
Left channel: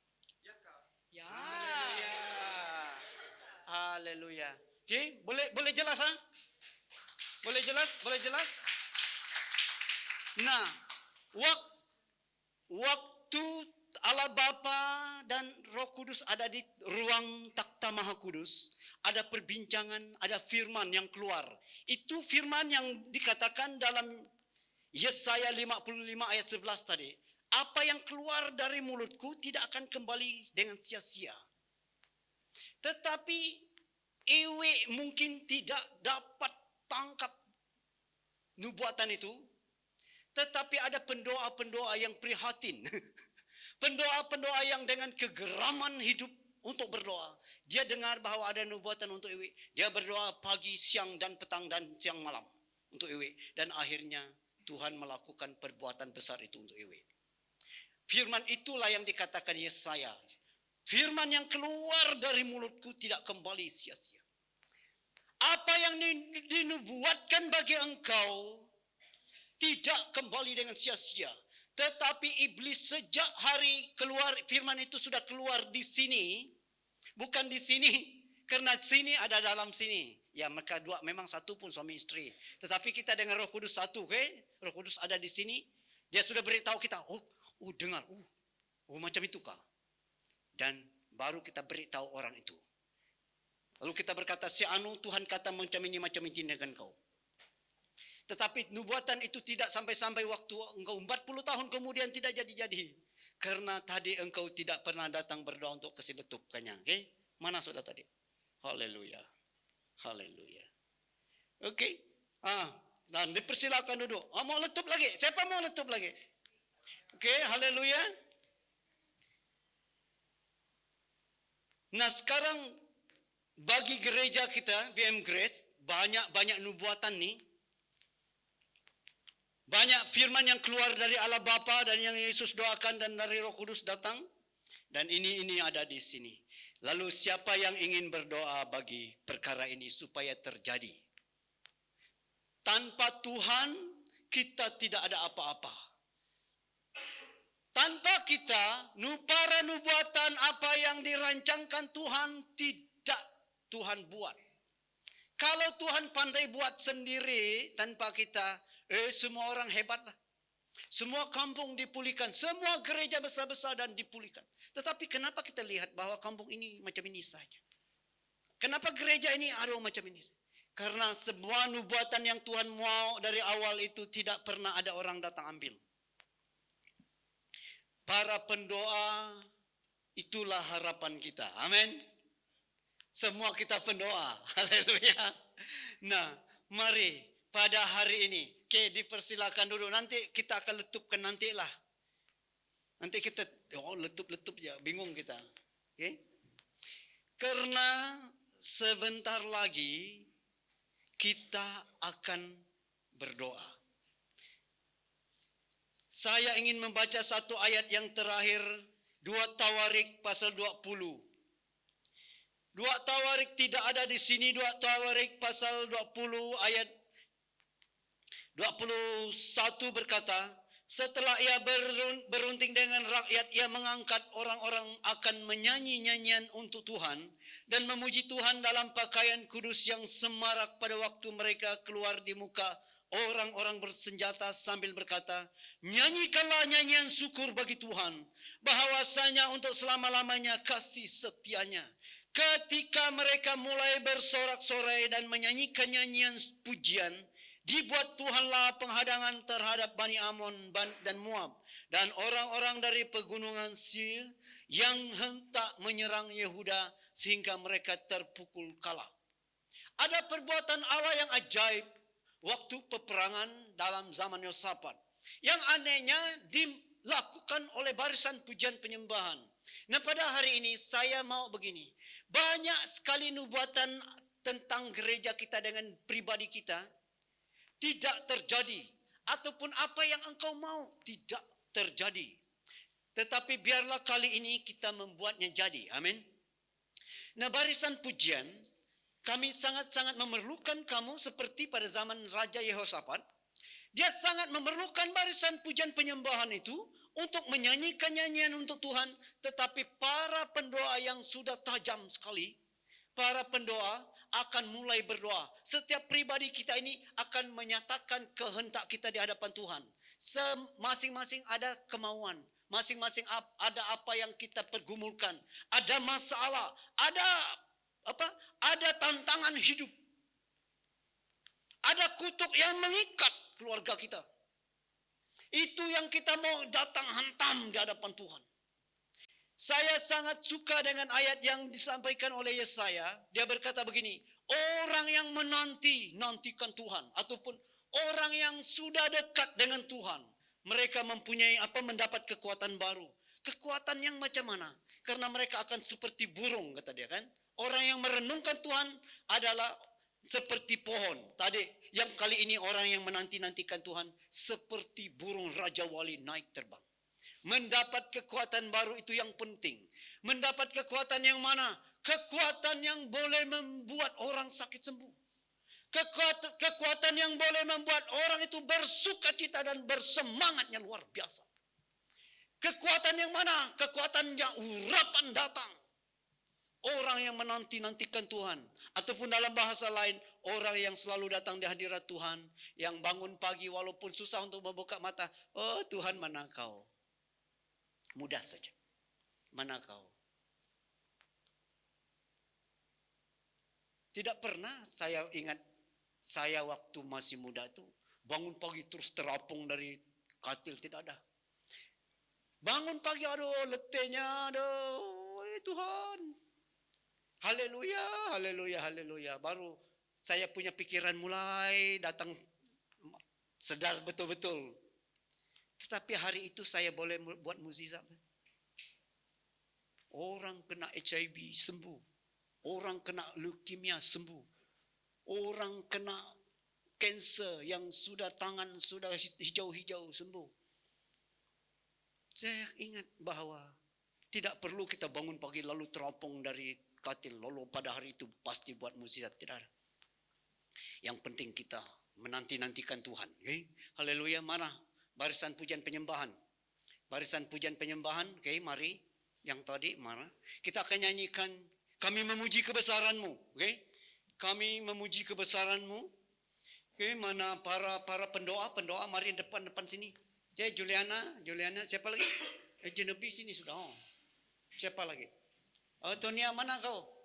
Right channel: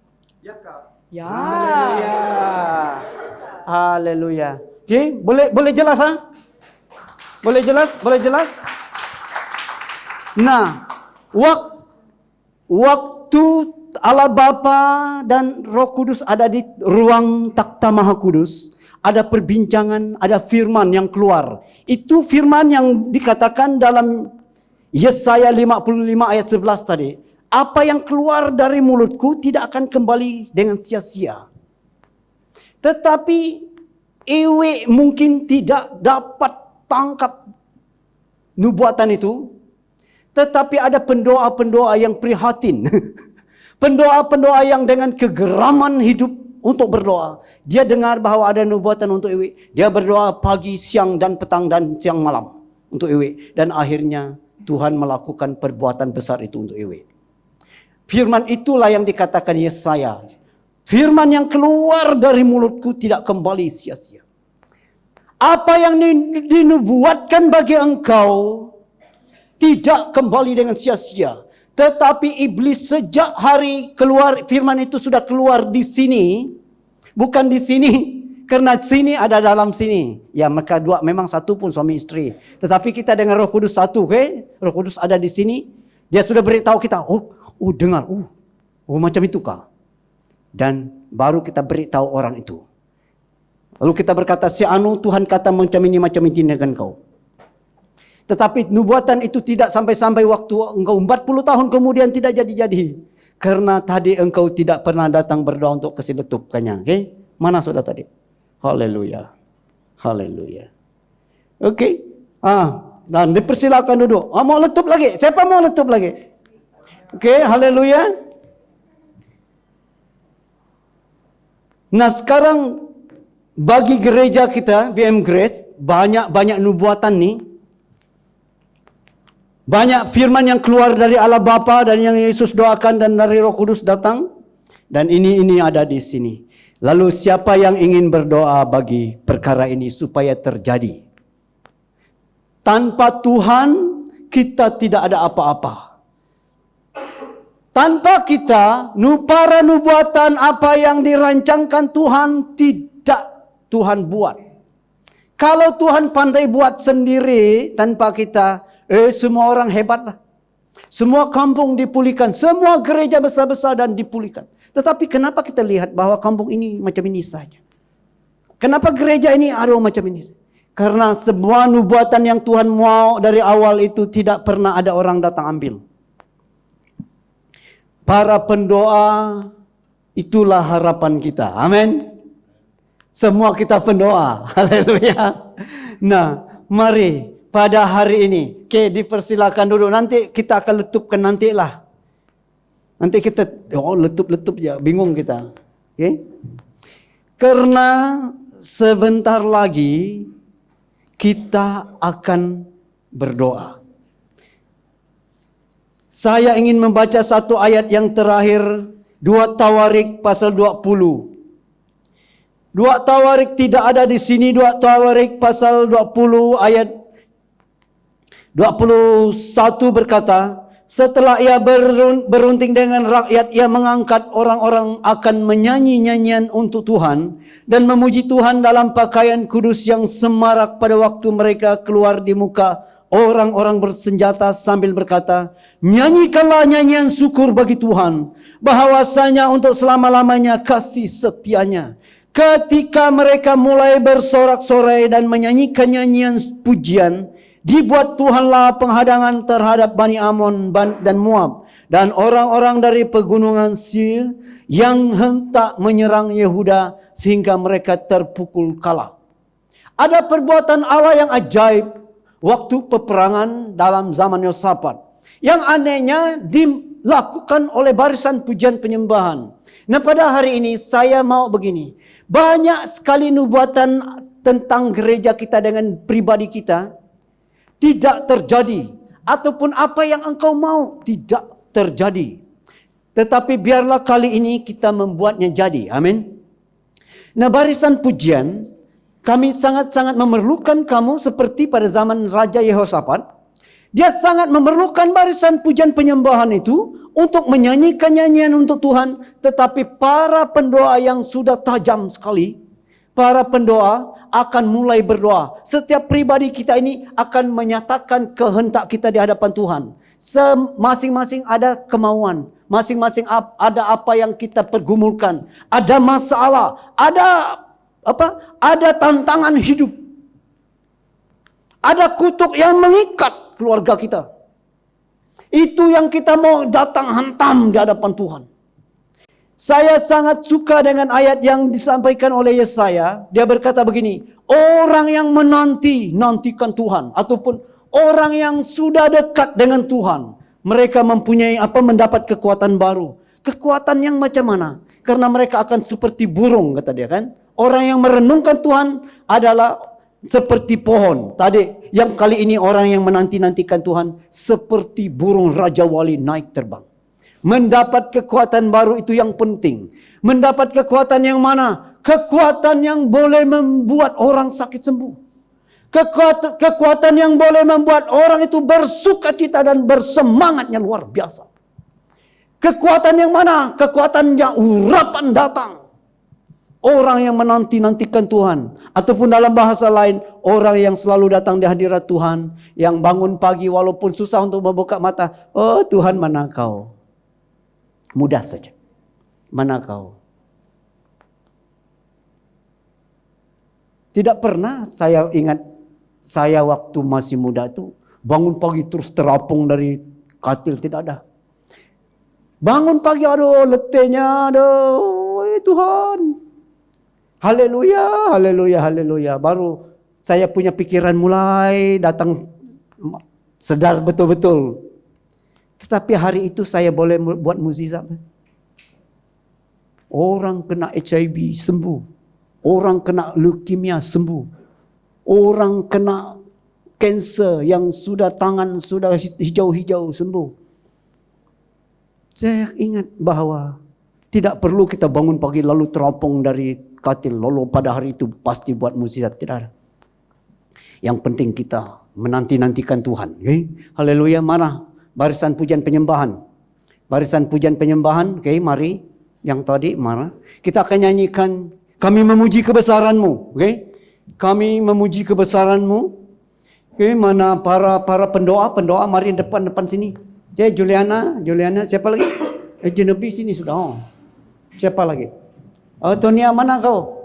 Ya. Haleluya. Okey, boleh jelas ha? Boleh jelas? Nah, waktu Allah Bapa dan Roh Kudus ada di ruang takhta Maha Kudus, ada perbincangan, ada firman yang keluar. Itu firman yang dikatakan dalam Yesaya 55 ayat 11 tadi. Apa yang keluar dari mulutku tidak akan kembali dengan sia-sia. Tetapi Iwi mungkin tidak dapat tangkap nubuatan itu. Tetapi ada pendoa-pendoa yang prihatin. Pendoa-pendoa yang dengan kegeraman hidup untuk berdoa. Dia dengar bahwa ada nubuatan untuk Iwi. Dia berdoa pagi, siang dan petang dan siang malam untuk Iwi. Dan akhirnya Tuhan melakukan perbuatan besar itu untuk Iwi. Firman itulah yang dikatakan Yesaya. Firman yang keluar dari mulutku tidak kembali sia-sia. Apa yang dinubuatkan bagi engkau tidak kembali dengan sia-sia. Tetapi iblis sejak hari keluar firman itu sudah keluar di sini. Bukan di sini. Karena sini ada dalam sini. Ya mereka dua memang satu pun suami istri. Tetapi kita dengan Roh Kudus satu. Okay? Roh Kudus ada di sini. Dia sudah beritahu kita. Oh dengar. Oh macam itu kah? Dan baru kita beritahu orang itu. Lalu kita berkata si anu Tuhan kata macam ini dengan kau. Tetapi nubuatan itu tidak sampai-sampai waktu engkau 40 tahun kemudian tidak jadi-jadi. Karena tadi engkau tidak pernah datang berdoa untuk kesiletupkannya. Okay? Mana sudah tadi? Haleluya. Okay. Dan dipersilakan duduk. Mau letup lagi? Siapa mau letup lagi? Okay, haleluya. Nah sekarang bagi gereja kita, BM Grace, banyak nubuatan nih. Banyak firman yang keluar dari Allah Bapa dan yang Yesus doakan dan dari Roh Kudus datang. Dan ini ada di sini. Lalu siapa yang ingin berdoa bagi perkara ini supaya terjadi? Tanpa Tuhan kita tidak ada apa-apa. Tanpa kita, para nubuatan apa yang dirancangkan Tuhan tidak Tuhan buat. Kalau Tuhan pandai buat sendiri tanpa kita, semua orang hebatlah. Semua kampung dipulihkan, semua gereja besar-besar dan dipulihkan. Tetapi kenapa kita lihat bahwa kampung ini macam ini saja? Kenapa gereja ini macam ini? Karena semua nubuatan yang Tuhan mau dari awal itu tidak pernah ada orang datang ambil. Para pendoa itulah harapan kita. Amin. Semua kita pendoa. Haleluya. Nah, mari pada hari ini. Oke, dipersilakan dulu. Nanti kita akan letupkan nantilah. Nanti kita letup ya, bingung kita. Oke. Karena sebentar lagi kita akan berdoa. Saya ingin membaca satu ayat yang terakhir, 2 Tawarik pasal 20. 2 Tawarik tidak ada di sini. 2 Tawarik pasal 20 ayat 21 berkata, setelah ia berunding dengan rakyat, ia mengangkat orang-orang akan menyanyi nyanyian untuk Tuhan dan memuji Tuhan dalam pakaian kudus yang semarak pada waktu mereka keluar di muka orang-orang bersenjata sambil berkata, nyanyikanlah nyanyian syukur bagi Tuhan, bahwasanya untuk selama-lamanya kasih setianya. Ketika mereka mulai bersorak-sorai dan menyanyikan nyanyian pujian, dibuat Tuhanlah penghadangan terhadap Bani Amon dan Moab dan orang-orang dari pegunungan Seir yang hentak menyerang Yehuda sehingga mereka terpukul kalah. Ada perbuatan Allah yang ajaib waktu peperangan dalam zaman Yosafat. Yang anehnya dilakukan oleh barisan pujian penyembahan. Nah, pada hari ini saya mau begini. Banyak sekali nubuatan tentang gereja kita dengan pribadi kita tidak terjadi, ataupun apa yang engkau mau tidak terjadi. Tetapi biarlah kali ini kita membuatnya jadi. Amin. Nah, barisan pujian, kami sangat-sangat memerlukan kamu seperti pada zaman Raja Yehosafat. Dia sangat memerlukan barisan pujian penyembahan itu untuk menyanyikan nyanyian untuk Tuhan. Tetapi para pendoa yang sudah tajam sekali, para pendoa akan mulai berdoa. Setiap pribadi kita ini akan menyatakan kehendak kita di hadapan Tuhan. Masing-masing ada kemauan. Masing-masing ada apa yang kita pergumulkan. Ada masalah. Ada tantangan hidup. Ada kutuk yang mengikat keluarga kita. Itu yang kita mau datang hantam di hadapan Tuhan. Saya sangat suka dengan ayat yang disampaikan oleh Yesaya. Dia berkata begini, orang yang nantikan Tuhan, ataupun orang yang sudah dekat dengan Tuhan, mereka mempunyai mendapat kekuatan baru. Kekuatan yang macam mana? Karena mereka akan seperti burung, kata dia kan. Orang yang merenungkan Tuhan adalah seperti pohon. Tadi yang kali ini orang yang menantikan Tuhan seperti burung Raja Wali naik terbang. Mendapat kekuatan baru itu yang penting. Mendapat kekuatan yang mana? Kekuatan yang boleh membuat orang sakit sembuh. Kekuatan yang boleh membuat orang itu bersukacita dan bersemangatnya luar biasa. Kekuatan yang mana? Kekuatan yang urapan datang. Orang yang menantikan Tuhan. Ataupun dalam bahasa lain, orang yang selalu datang di hadirat Tuhan. Yang bangun pagi walaupun susah untuk membuka mata. Oh Tuhan, mana kau? Mudah saja. Mana kau? Tidak pernah saya ingat, saya waktu masih muda itu bangun pagi terus terapung dari katil. Tidak ada. Bangun pagi, aduh letihnya, aduh Tuhan. Haleluya, haleluya, haleluya. Baru saya punya pikiran mulai datang sedar betul-betul. Tetapi hari itu saya boleh buat mukjizat. Orang kena HIV sembuh. Orang kena leukemia sembuh. Orang kena kanser yang sudah tangan sudah hijau-hijau sembuh. Saya ingat bahwa tidak perlu kita bangun pagi lalu teropong dari katil, lalu pada hari itu pasti buat mukjizat. Tidak ada. Yang penting kita menantikan Tuhan. Okay? Haleluya. Mana barisan pujian penyembahan? Barisan pujian penyembahan. Okay, mari. Yang tadi mana? Kita akan nyanyikan, kami memuji kebesaran-Mu. Okay? Kami memuji kebesaran-Mu. Okay, mana para pendoa, mari depan sini. Okay, Juliana, siapa lagi? Genevieve sini sudah. Oh. Siapa lagi? Oh, Tonia, mana kau?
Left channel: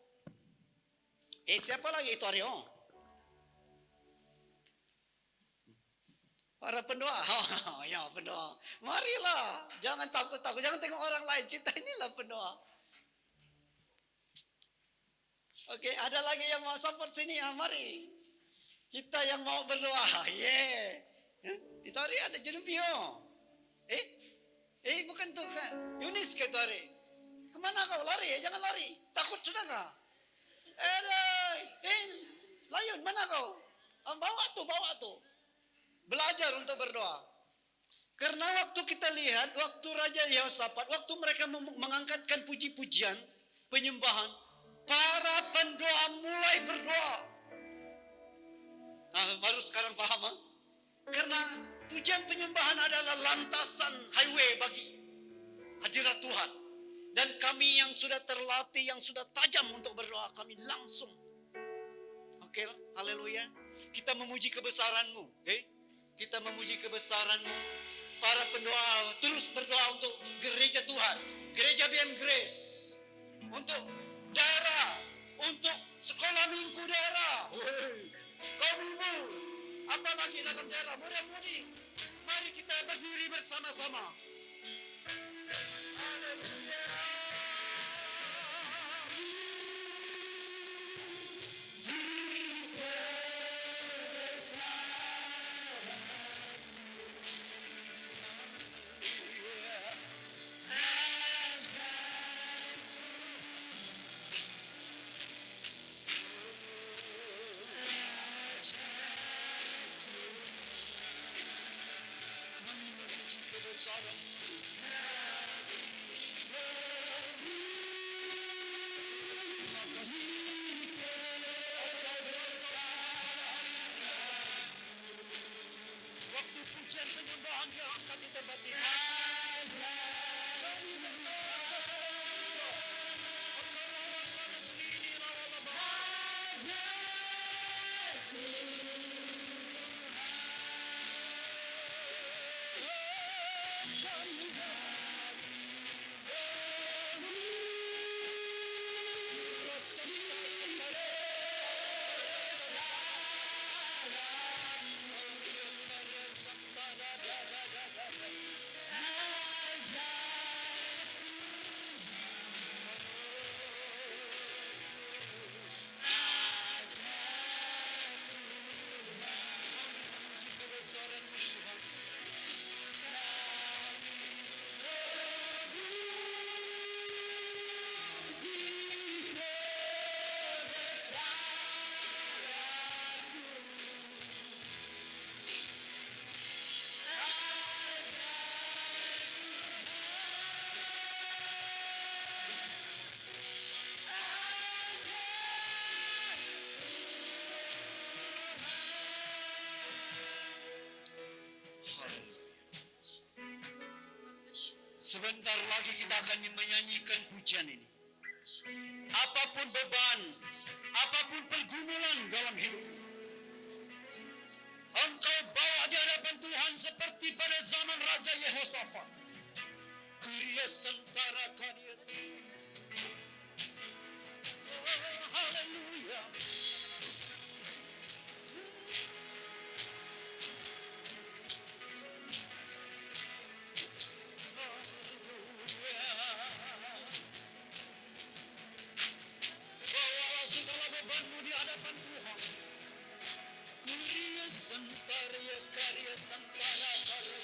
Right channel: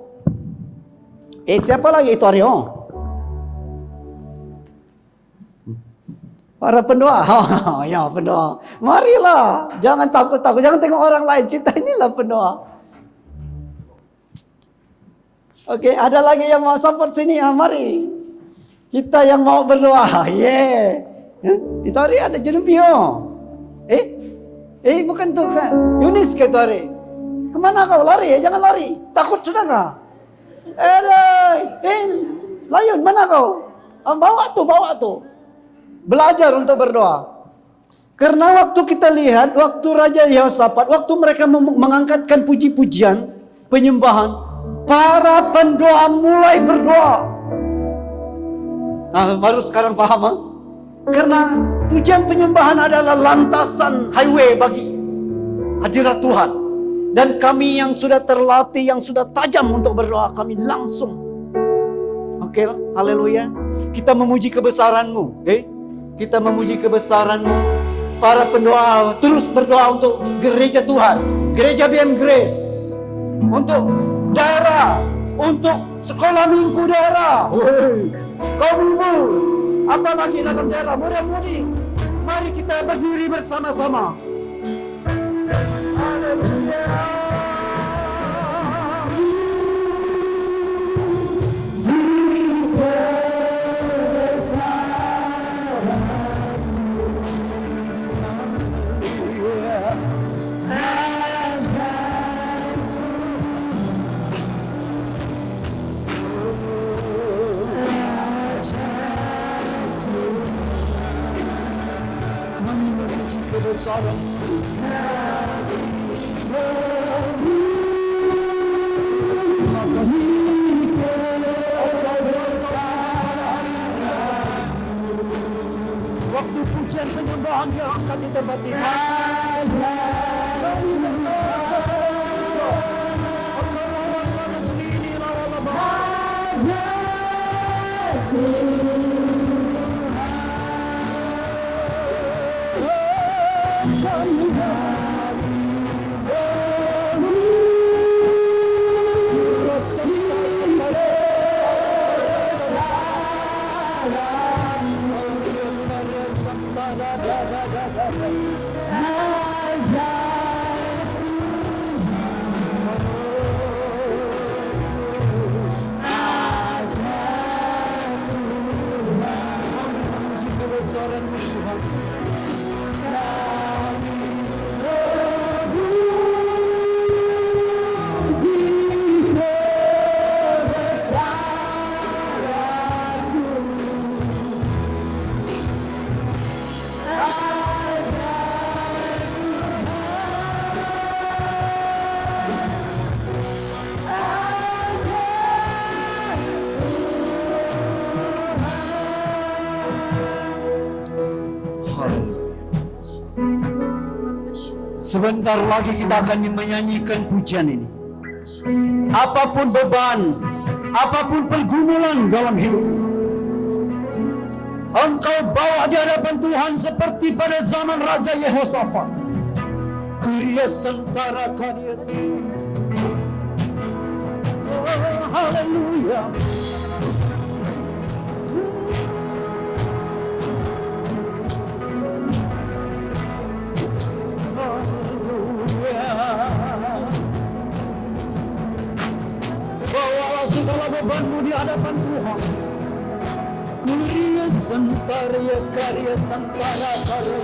Siapa lagi itu Aryo? Para pendoa. Oh, ya pendoa. Marilah. Jangan takut-takut. Jangan tengok orang lain. Kita inilah pendoa. Oke, ada lagi yang mau support sini. Mari. Kita yang mau berdoa. Yeah. Itu hari ada Jenupio. Bukan tuh kan. Yunis ke itu hari. Kemana kau? Lari ya? Jangan lari. Takut sudah nggak? Layun, mana kau? Bawa tuh. Belajar untuk berdoa. Karena waktu kita lihat, waktu Raja Yehosafat, waktu mereka mengangkatkan puji-pujian, penyembahan, para pendoa mulai berdoa. Nah, baru sekarang paham, ha? Karena pujian penyembahan adalah lantasan highway bagi hadirat Tuhan. Dan kami yang sudah terlatih, yang sudah tajam untuk berdoa, kami langsung. Oke, haleluya. Kita memuji kebesaran-Mu, Kita memuji kebesaran-Mu. Para pendoa terus berdoa untuk gereja Tuhan, gereja BM Grace, untuk daerah, untuk sekolah minggu daerah, kaum ibu, apalagi dalam daerah muda-mudi. Mari kita berdiri bersama-sama. Waktu pujian penyembahan yang akan di tempat ini. Sebentar lagi kita akan menyanyikan pujian ini. Apapun beban, apapun pergumulan dalam hidup, engkau bawa di hadapan Tuhan seperti pada zaman Raja Yehosafat. Kuria sentara karias. Oh, haleluya. Bawalah segala bebanmu di hadapan Tuhan. Kuria sentara karya santara karya.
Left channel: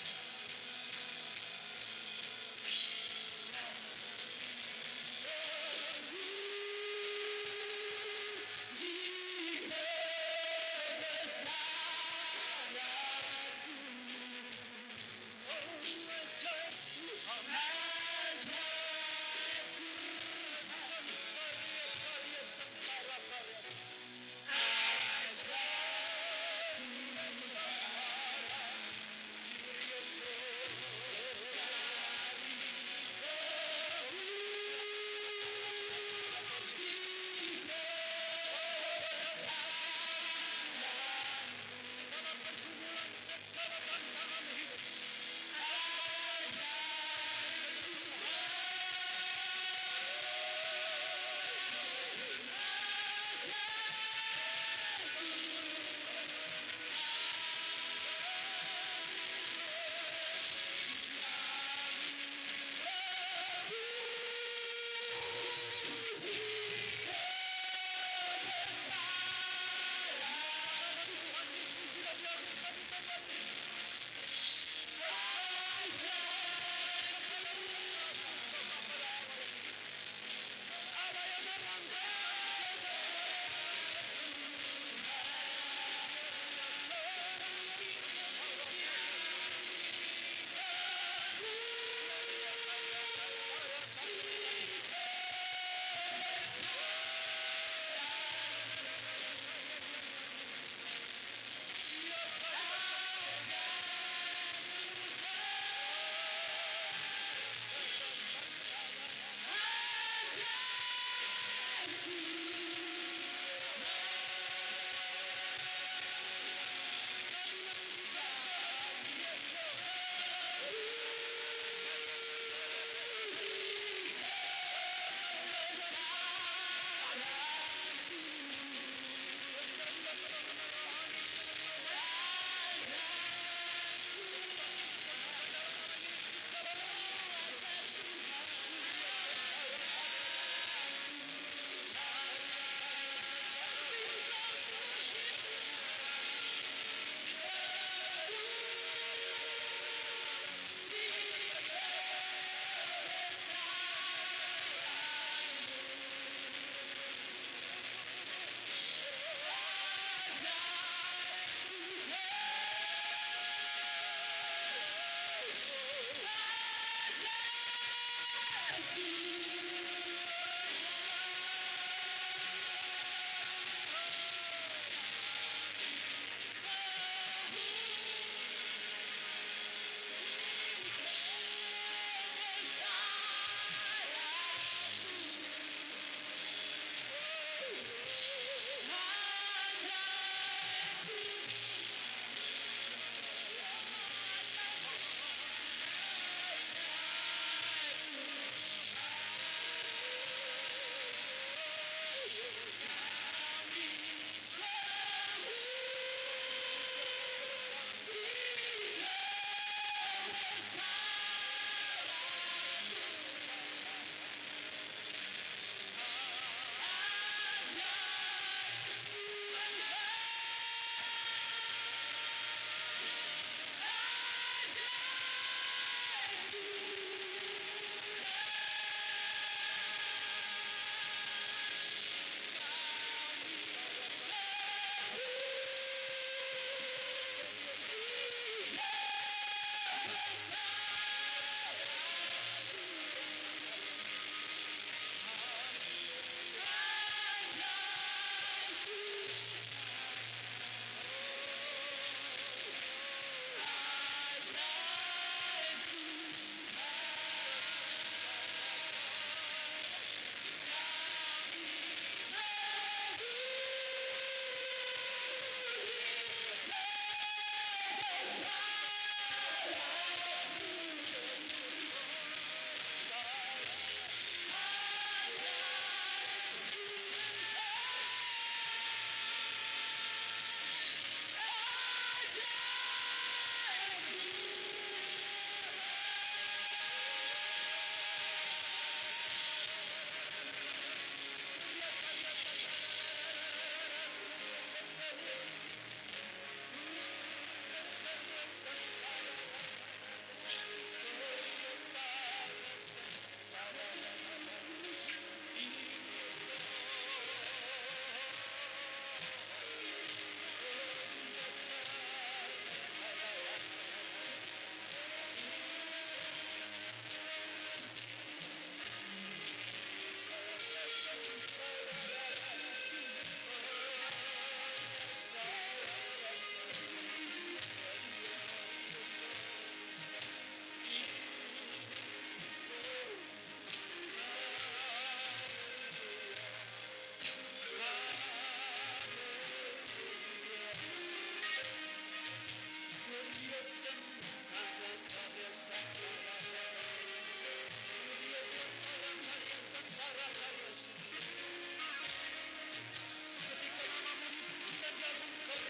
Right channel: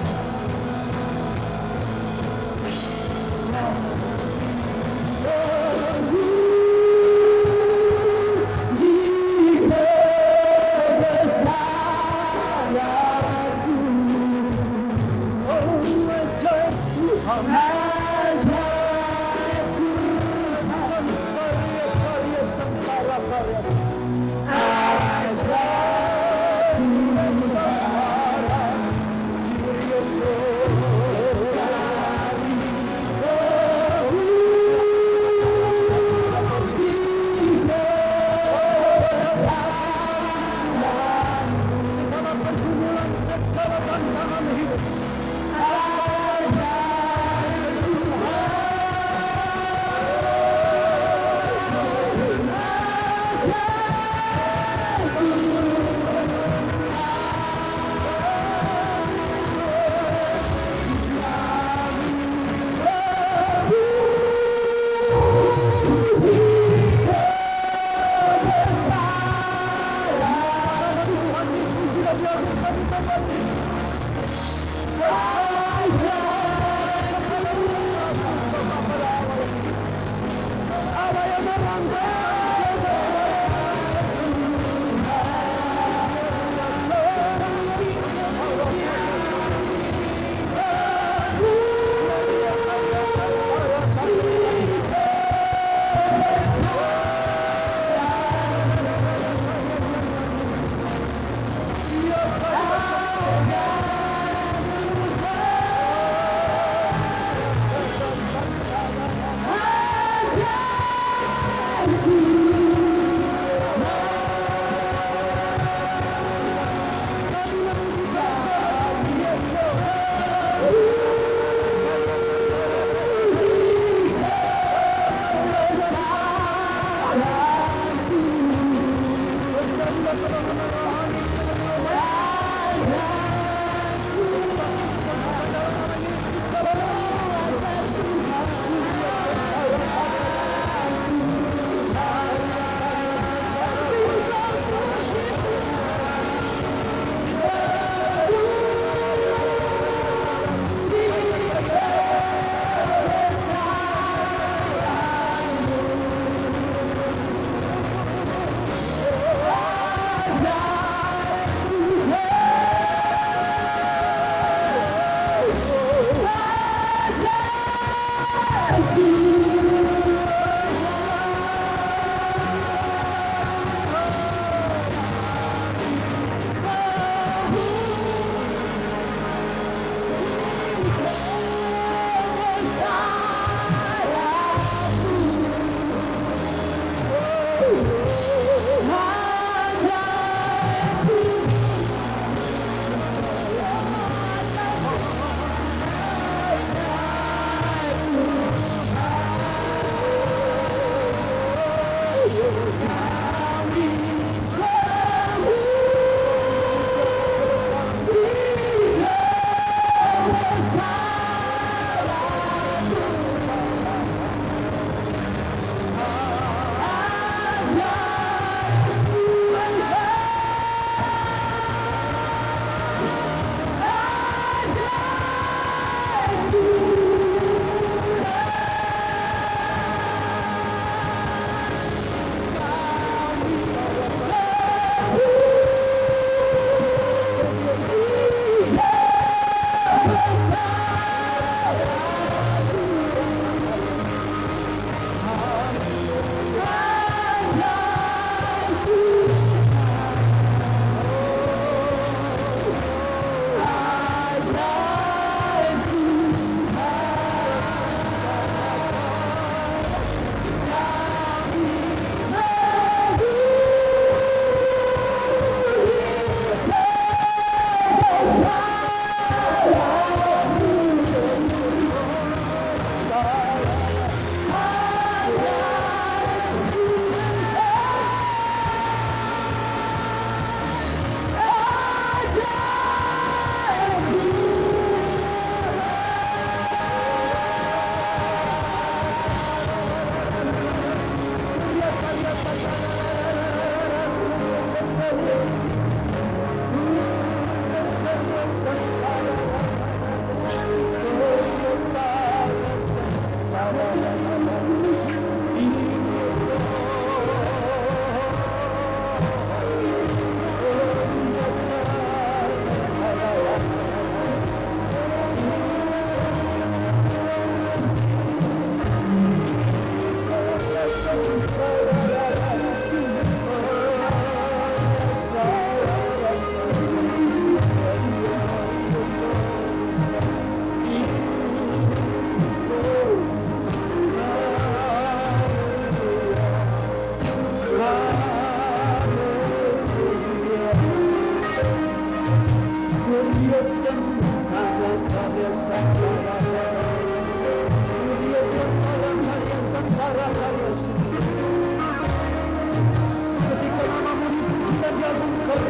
Ketika namamu dipuji dan diagungkan,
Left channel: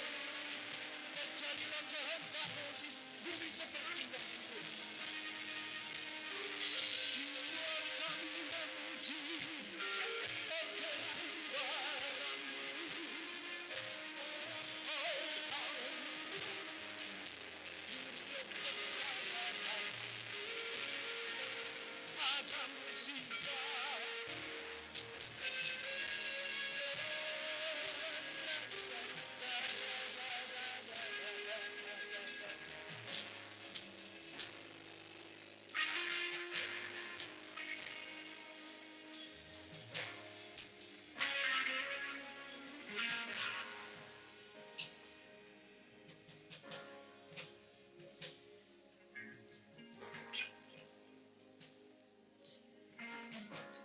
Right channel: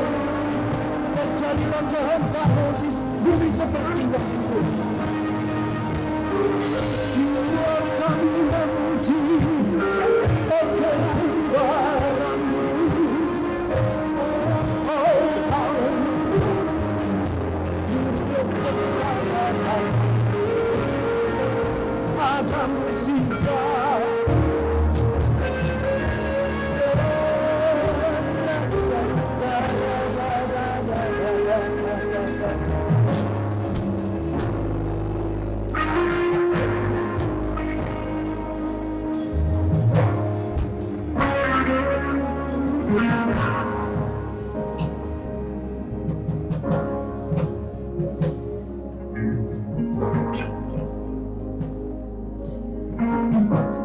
terjadilah kehendak-Mu di bumi seperti yang di surga. Jiwa kami memuji akan besaran-Mu. Oh, dunia sekarang ada mujizat. Thank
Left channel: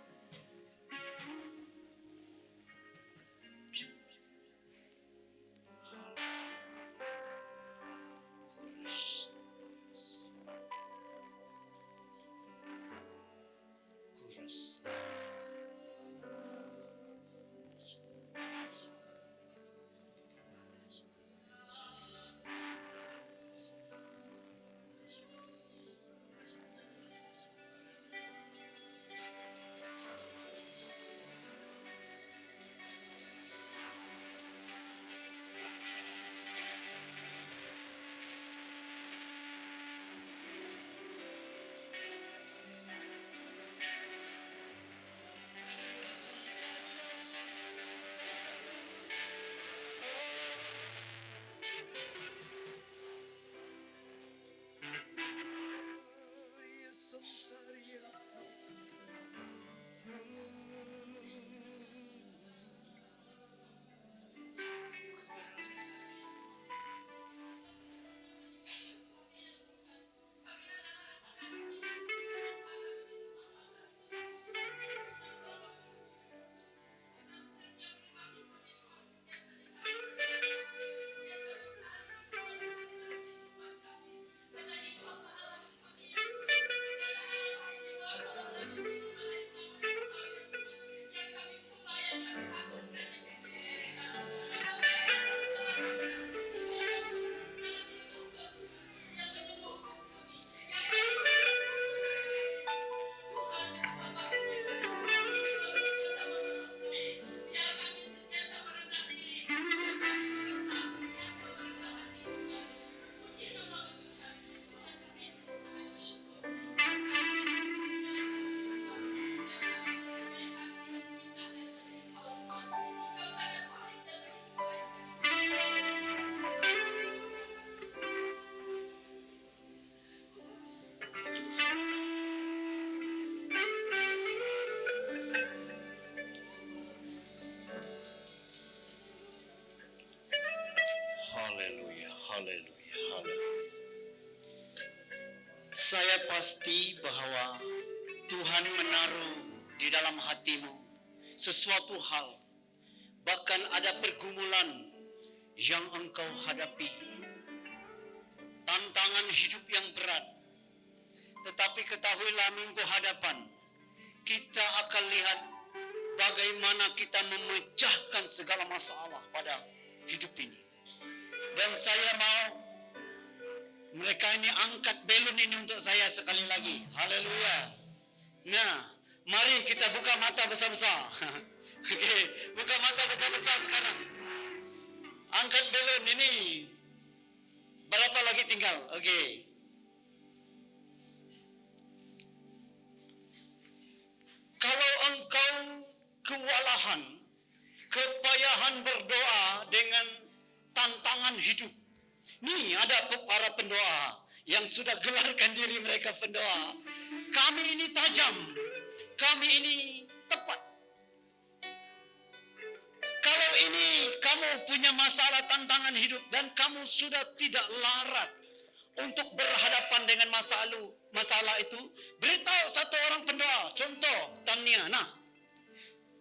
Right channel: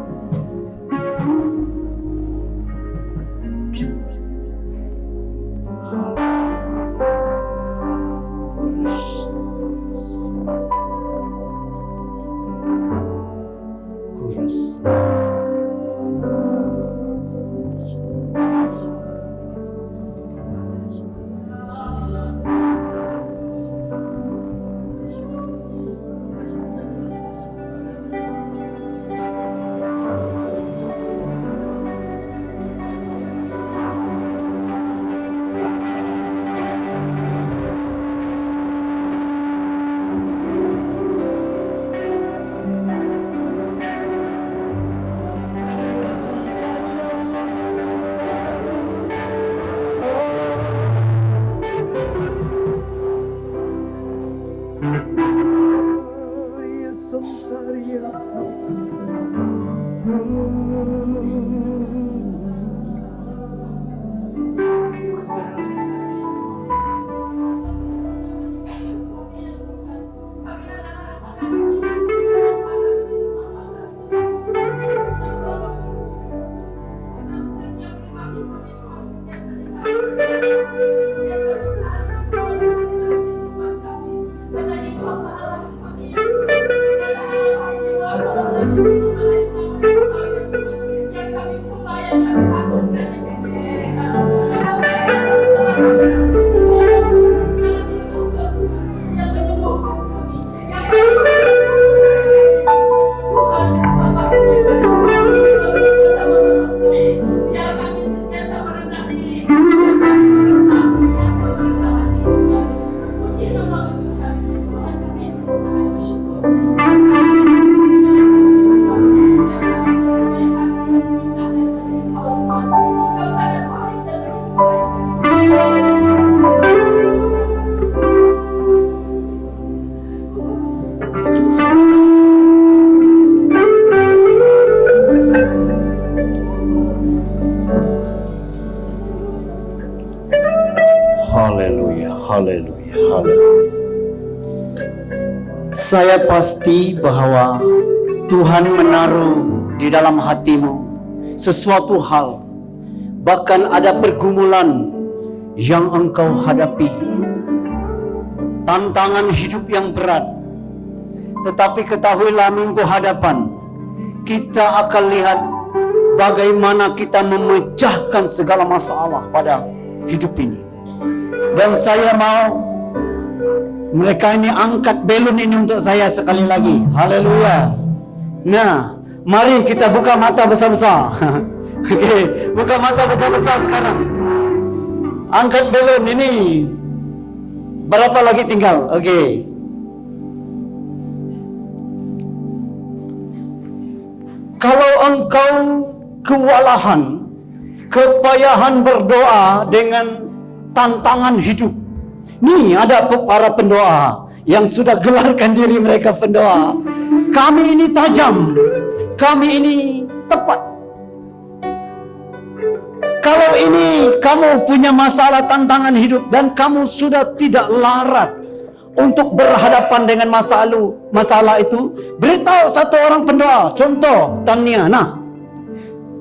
Haleluya, haleluya, haleluya. Saya pasti bahwa Tuhan menaruh di dalam hatimu sesuatu hal, bahkan ada pergumulan yang engkau hadapi, tantangan hidup yang berat. Tetapi ketahuilah minggu hadapan kita akan lihat bagaimana kita memecahkan segala masalah pada hidup ini. Dan saya mau mereka ini angkat belon ini untuk saya sekali lagi. Haleluya. Nah, mari kita buka mata besar-besar. Okey, buka mata besar-besar sekarang. Angkat belon ini. Berapa lagi tinggal? Okey. Kalau engkau kewalahan, kepayahan berdoa dengan tantangan hidup. Nih ada para pendoa yang sudah gelarkan diri mereka pendoa. Kami ini tajam, kami ini tepat. Kalau ini kamu punya masalah tantangan hidup dan kamu sudah tidak larat untuk berhadapan dengan masalah itu, beritahu satu orang pendoa. Contoh Tania. Nah,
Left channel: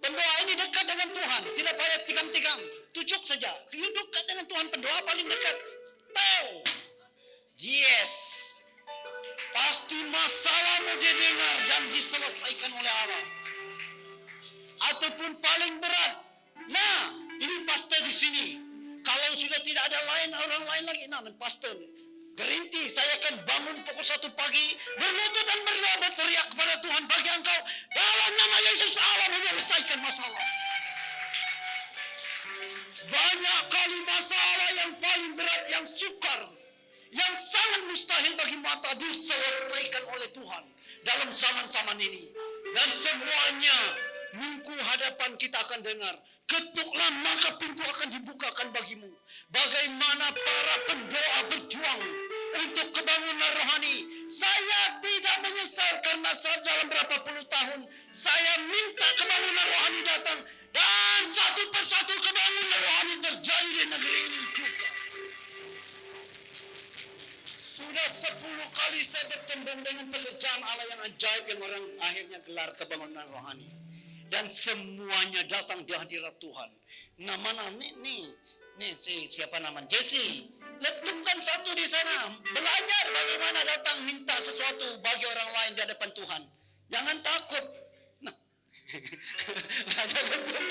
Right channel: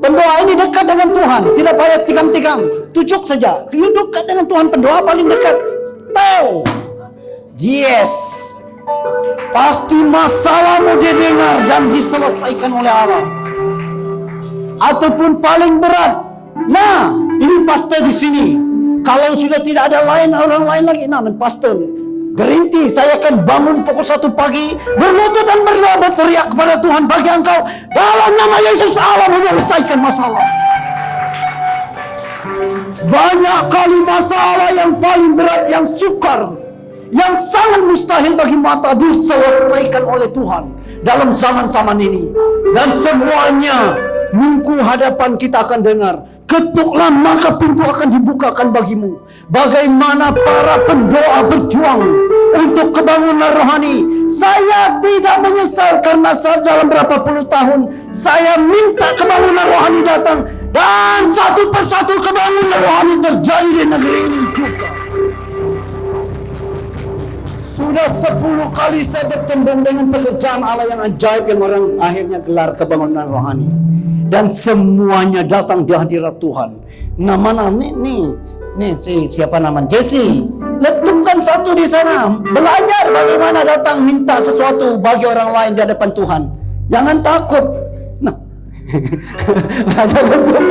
pendoa ini dekat dengan Tuhan, tidak payah tikam-tikam, tujuk saja. You dekat dengan Tuhan, pendoa paling dekat. Tahu, yes, pasti masalahmu didengar dan diselesaikan oleh Allah. Ataupun paling berat, nah ini pastor di sini. Kalau sudah tidak ada orang lain lagi, nah pastor Gerinti, saya akan bangun pukul 1 pagi, berlutut dan berdoa, berteriak kepada Tuhan bagi engkau. Dalam nama Yesus Allah menyelesaikan masalah. Banyak kali masalah yang paling berat, yang sukar, yang sangat mustahil bagi mata diselesaikan oleh Tuhan dalam zaman-zaman ini. Dan semuanya minggu hadapan kita akan dengar. Ketuklah maka pintu akan dibukakan bagimu. Bagaimana para pendoa berjuang untuk kebangunan rohani. Saya tidak menyesal karena dalam berapa puluh tahun saya minta kebangunan rohani datang. Dan satu persatu kebangunan rohani terjadi di negeri ini juga. Sudah 10 kali saya bertembung dengan pekerjaan Allah yang ajaib yang orang akhirnya gelar kebangunan rohani. Dan semuanya datang di hadirat Tuhan. Nah mana nih siapa namanya Jesse, letupkan satu di sana, belajar bagaimana datang minta sesuatu bagi orang lain di hadapan Tuhan. Jangan takut. Nah, belajar letup.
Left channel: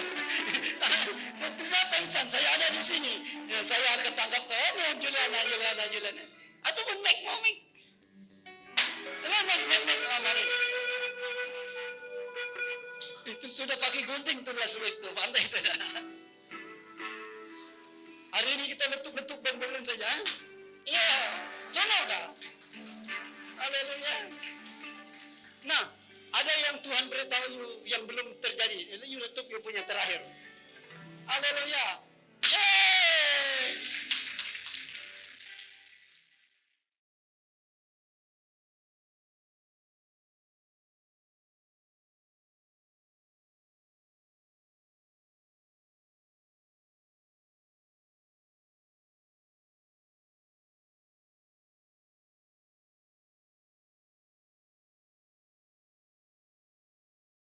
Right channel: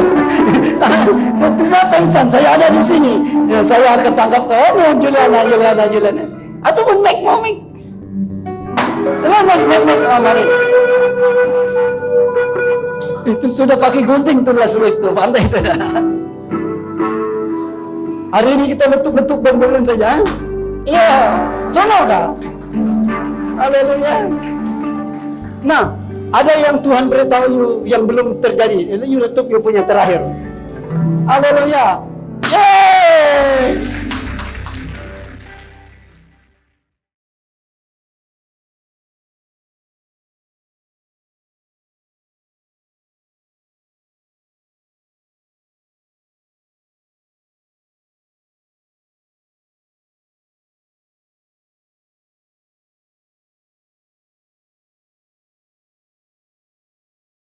Tidak pengsan, saya ada di sini. Ya, saya akan tangkap ke Juliana. Ataupun Mac. Mari. Itu sudah kaki gunting tuh itu pantai itu. Hari ini kita letup-letup belon saja. Iya, sono kah? Haleluya. Nah, ada yang Tuhan beritahu yang belum terjadi. You letup you punya terakhir. Haleluya. Yeay!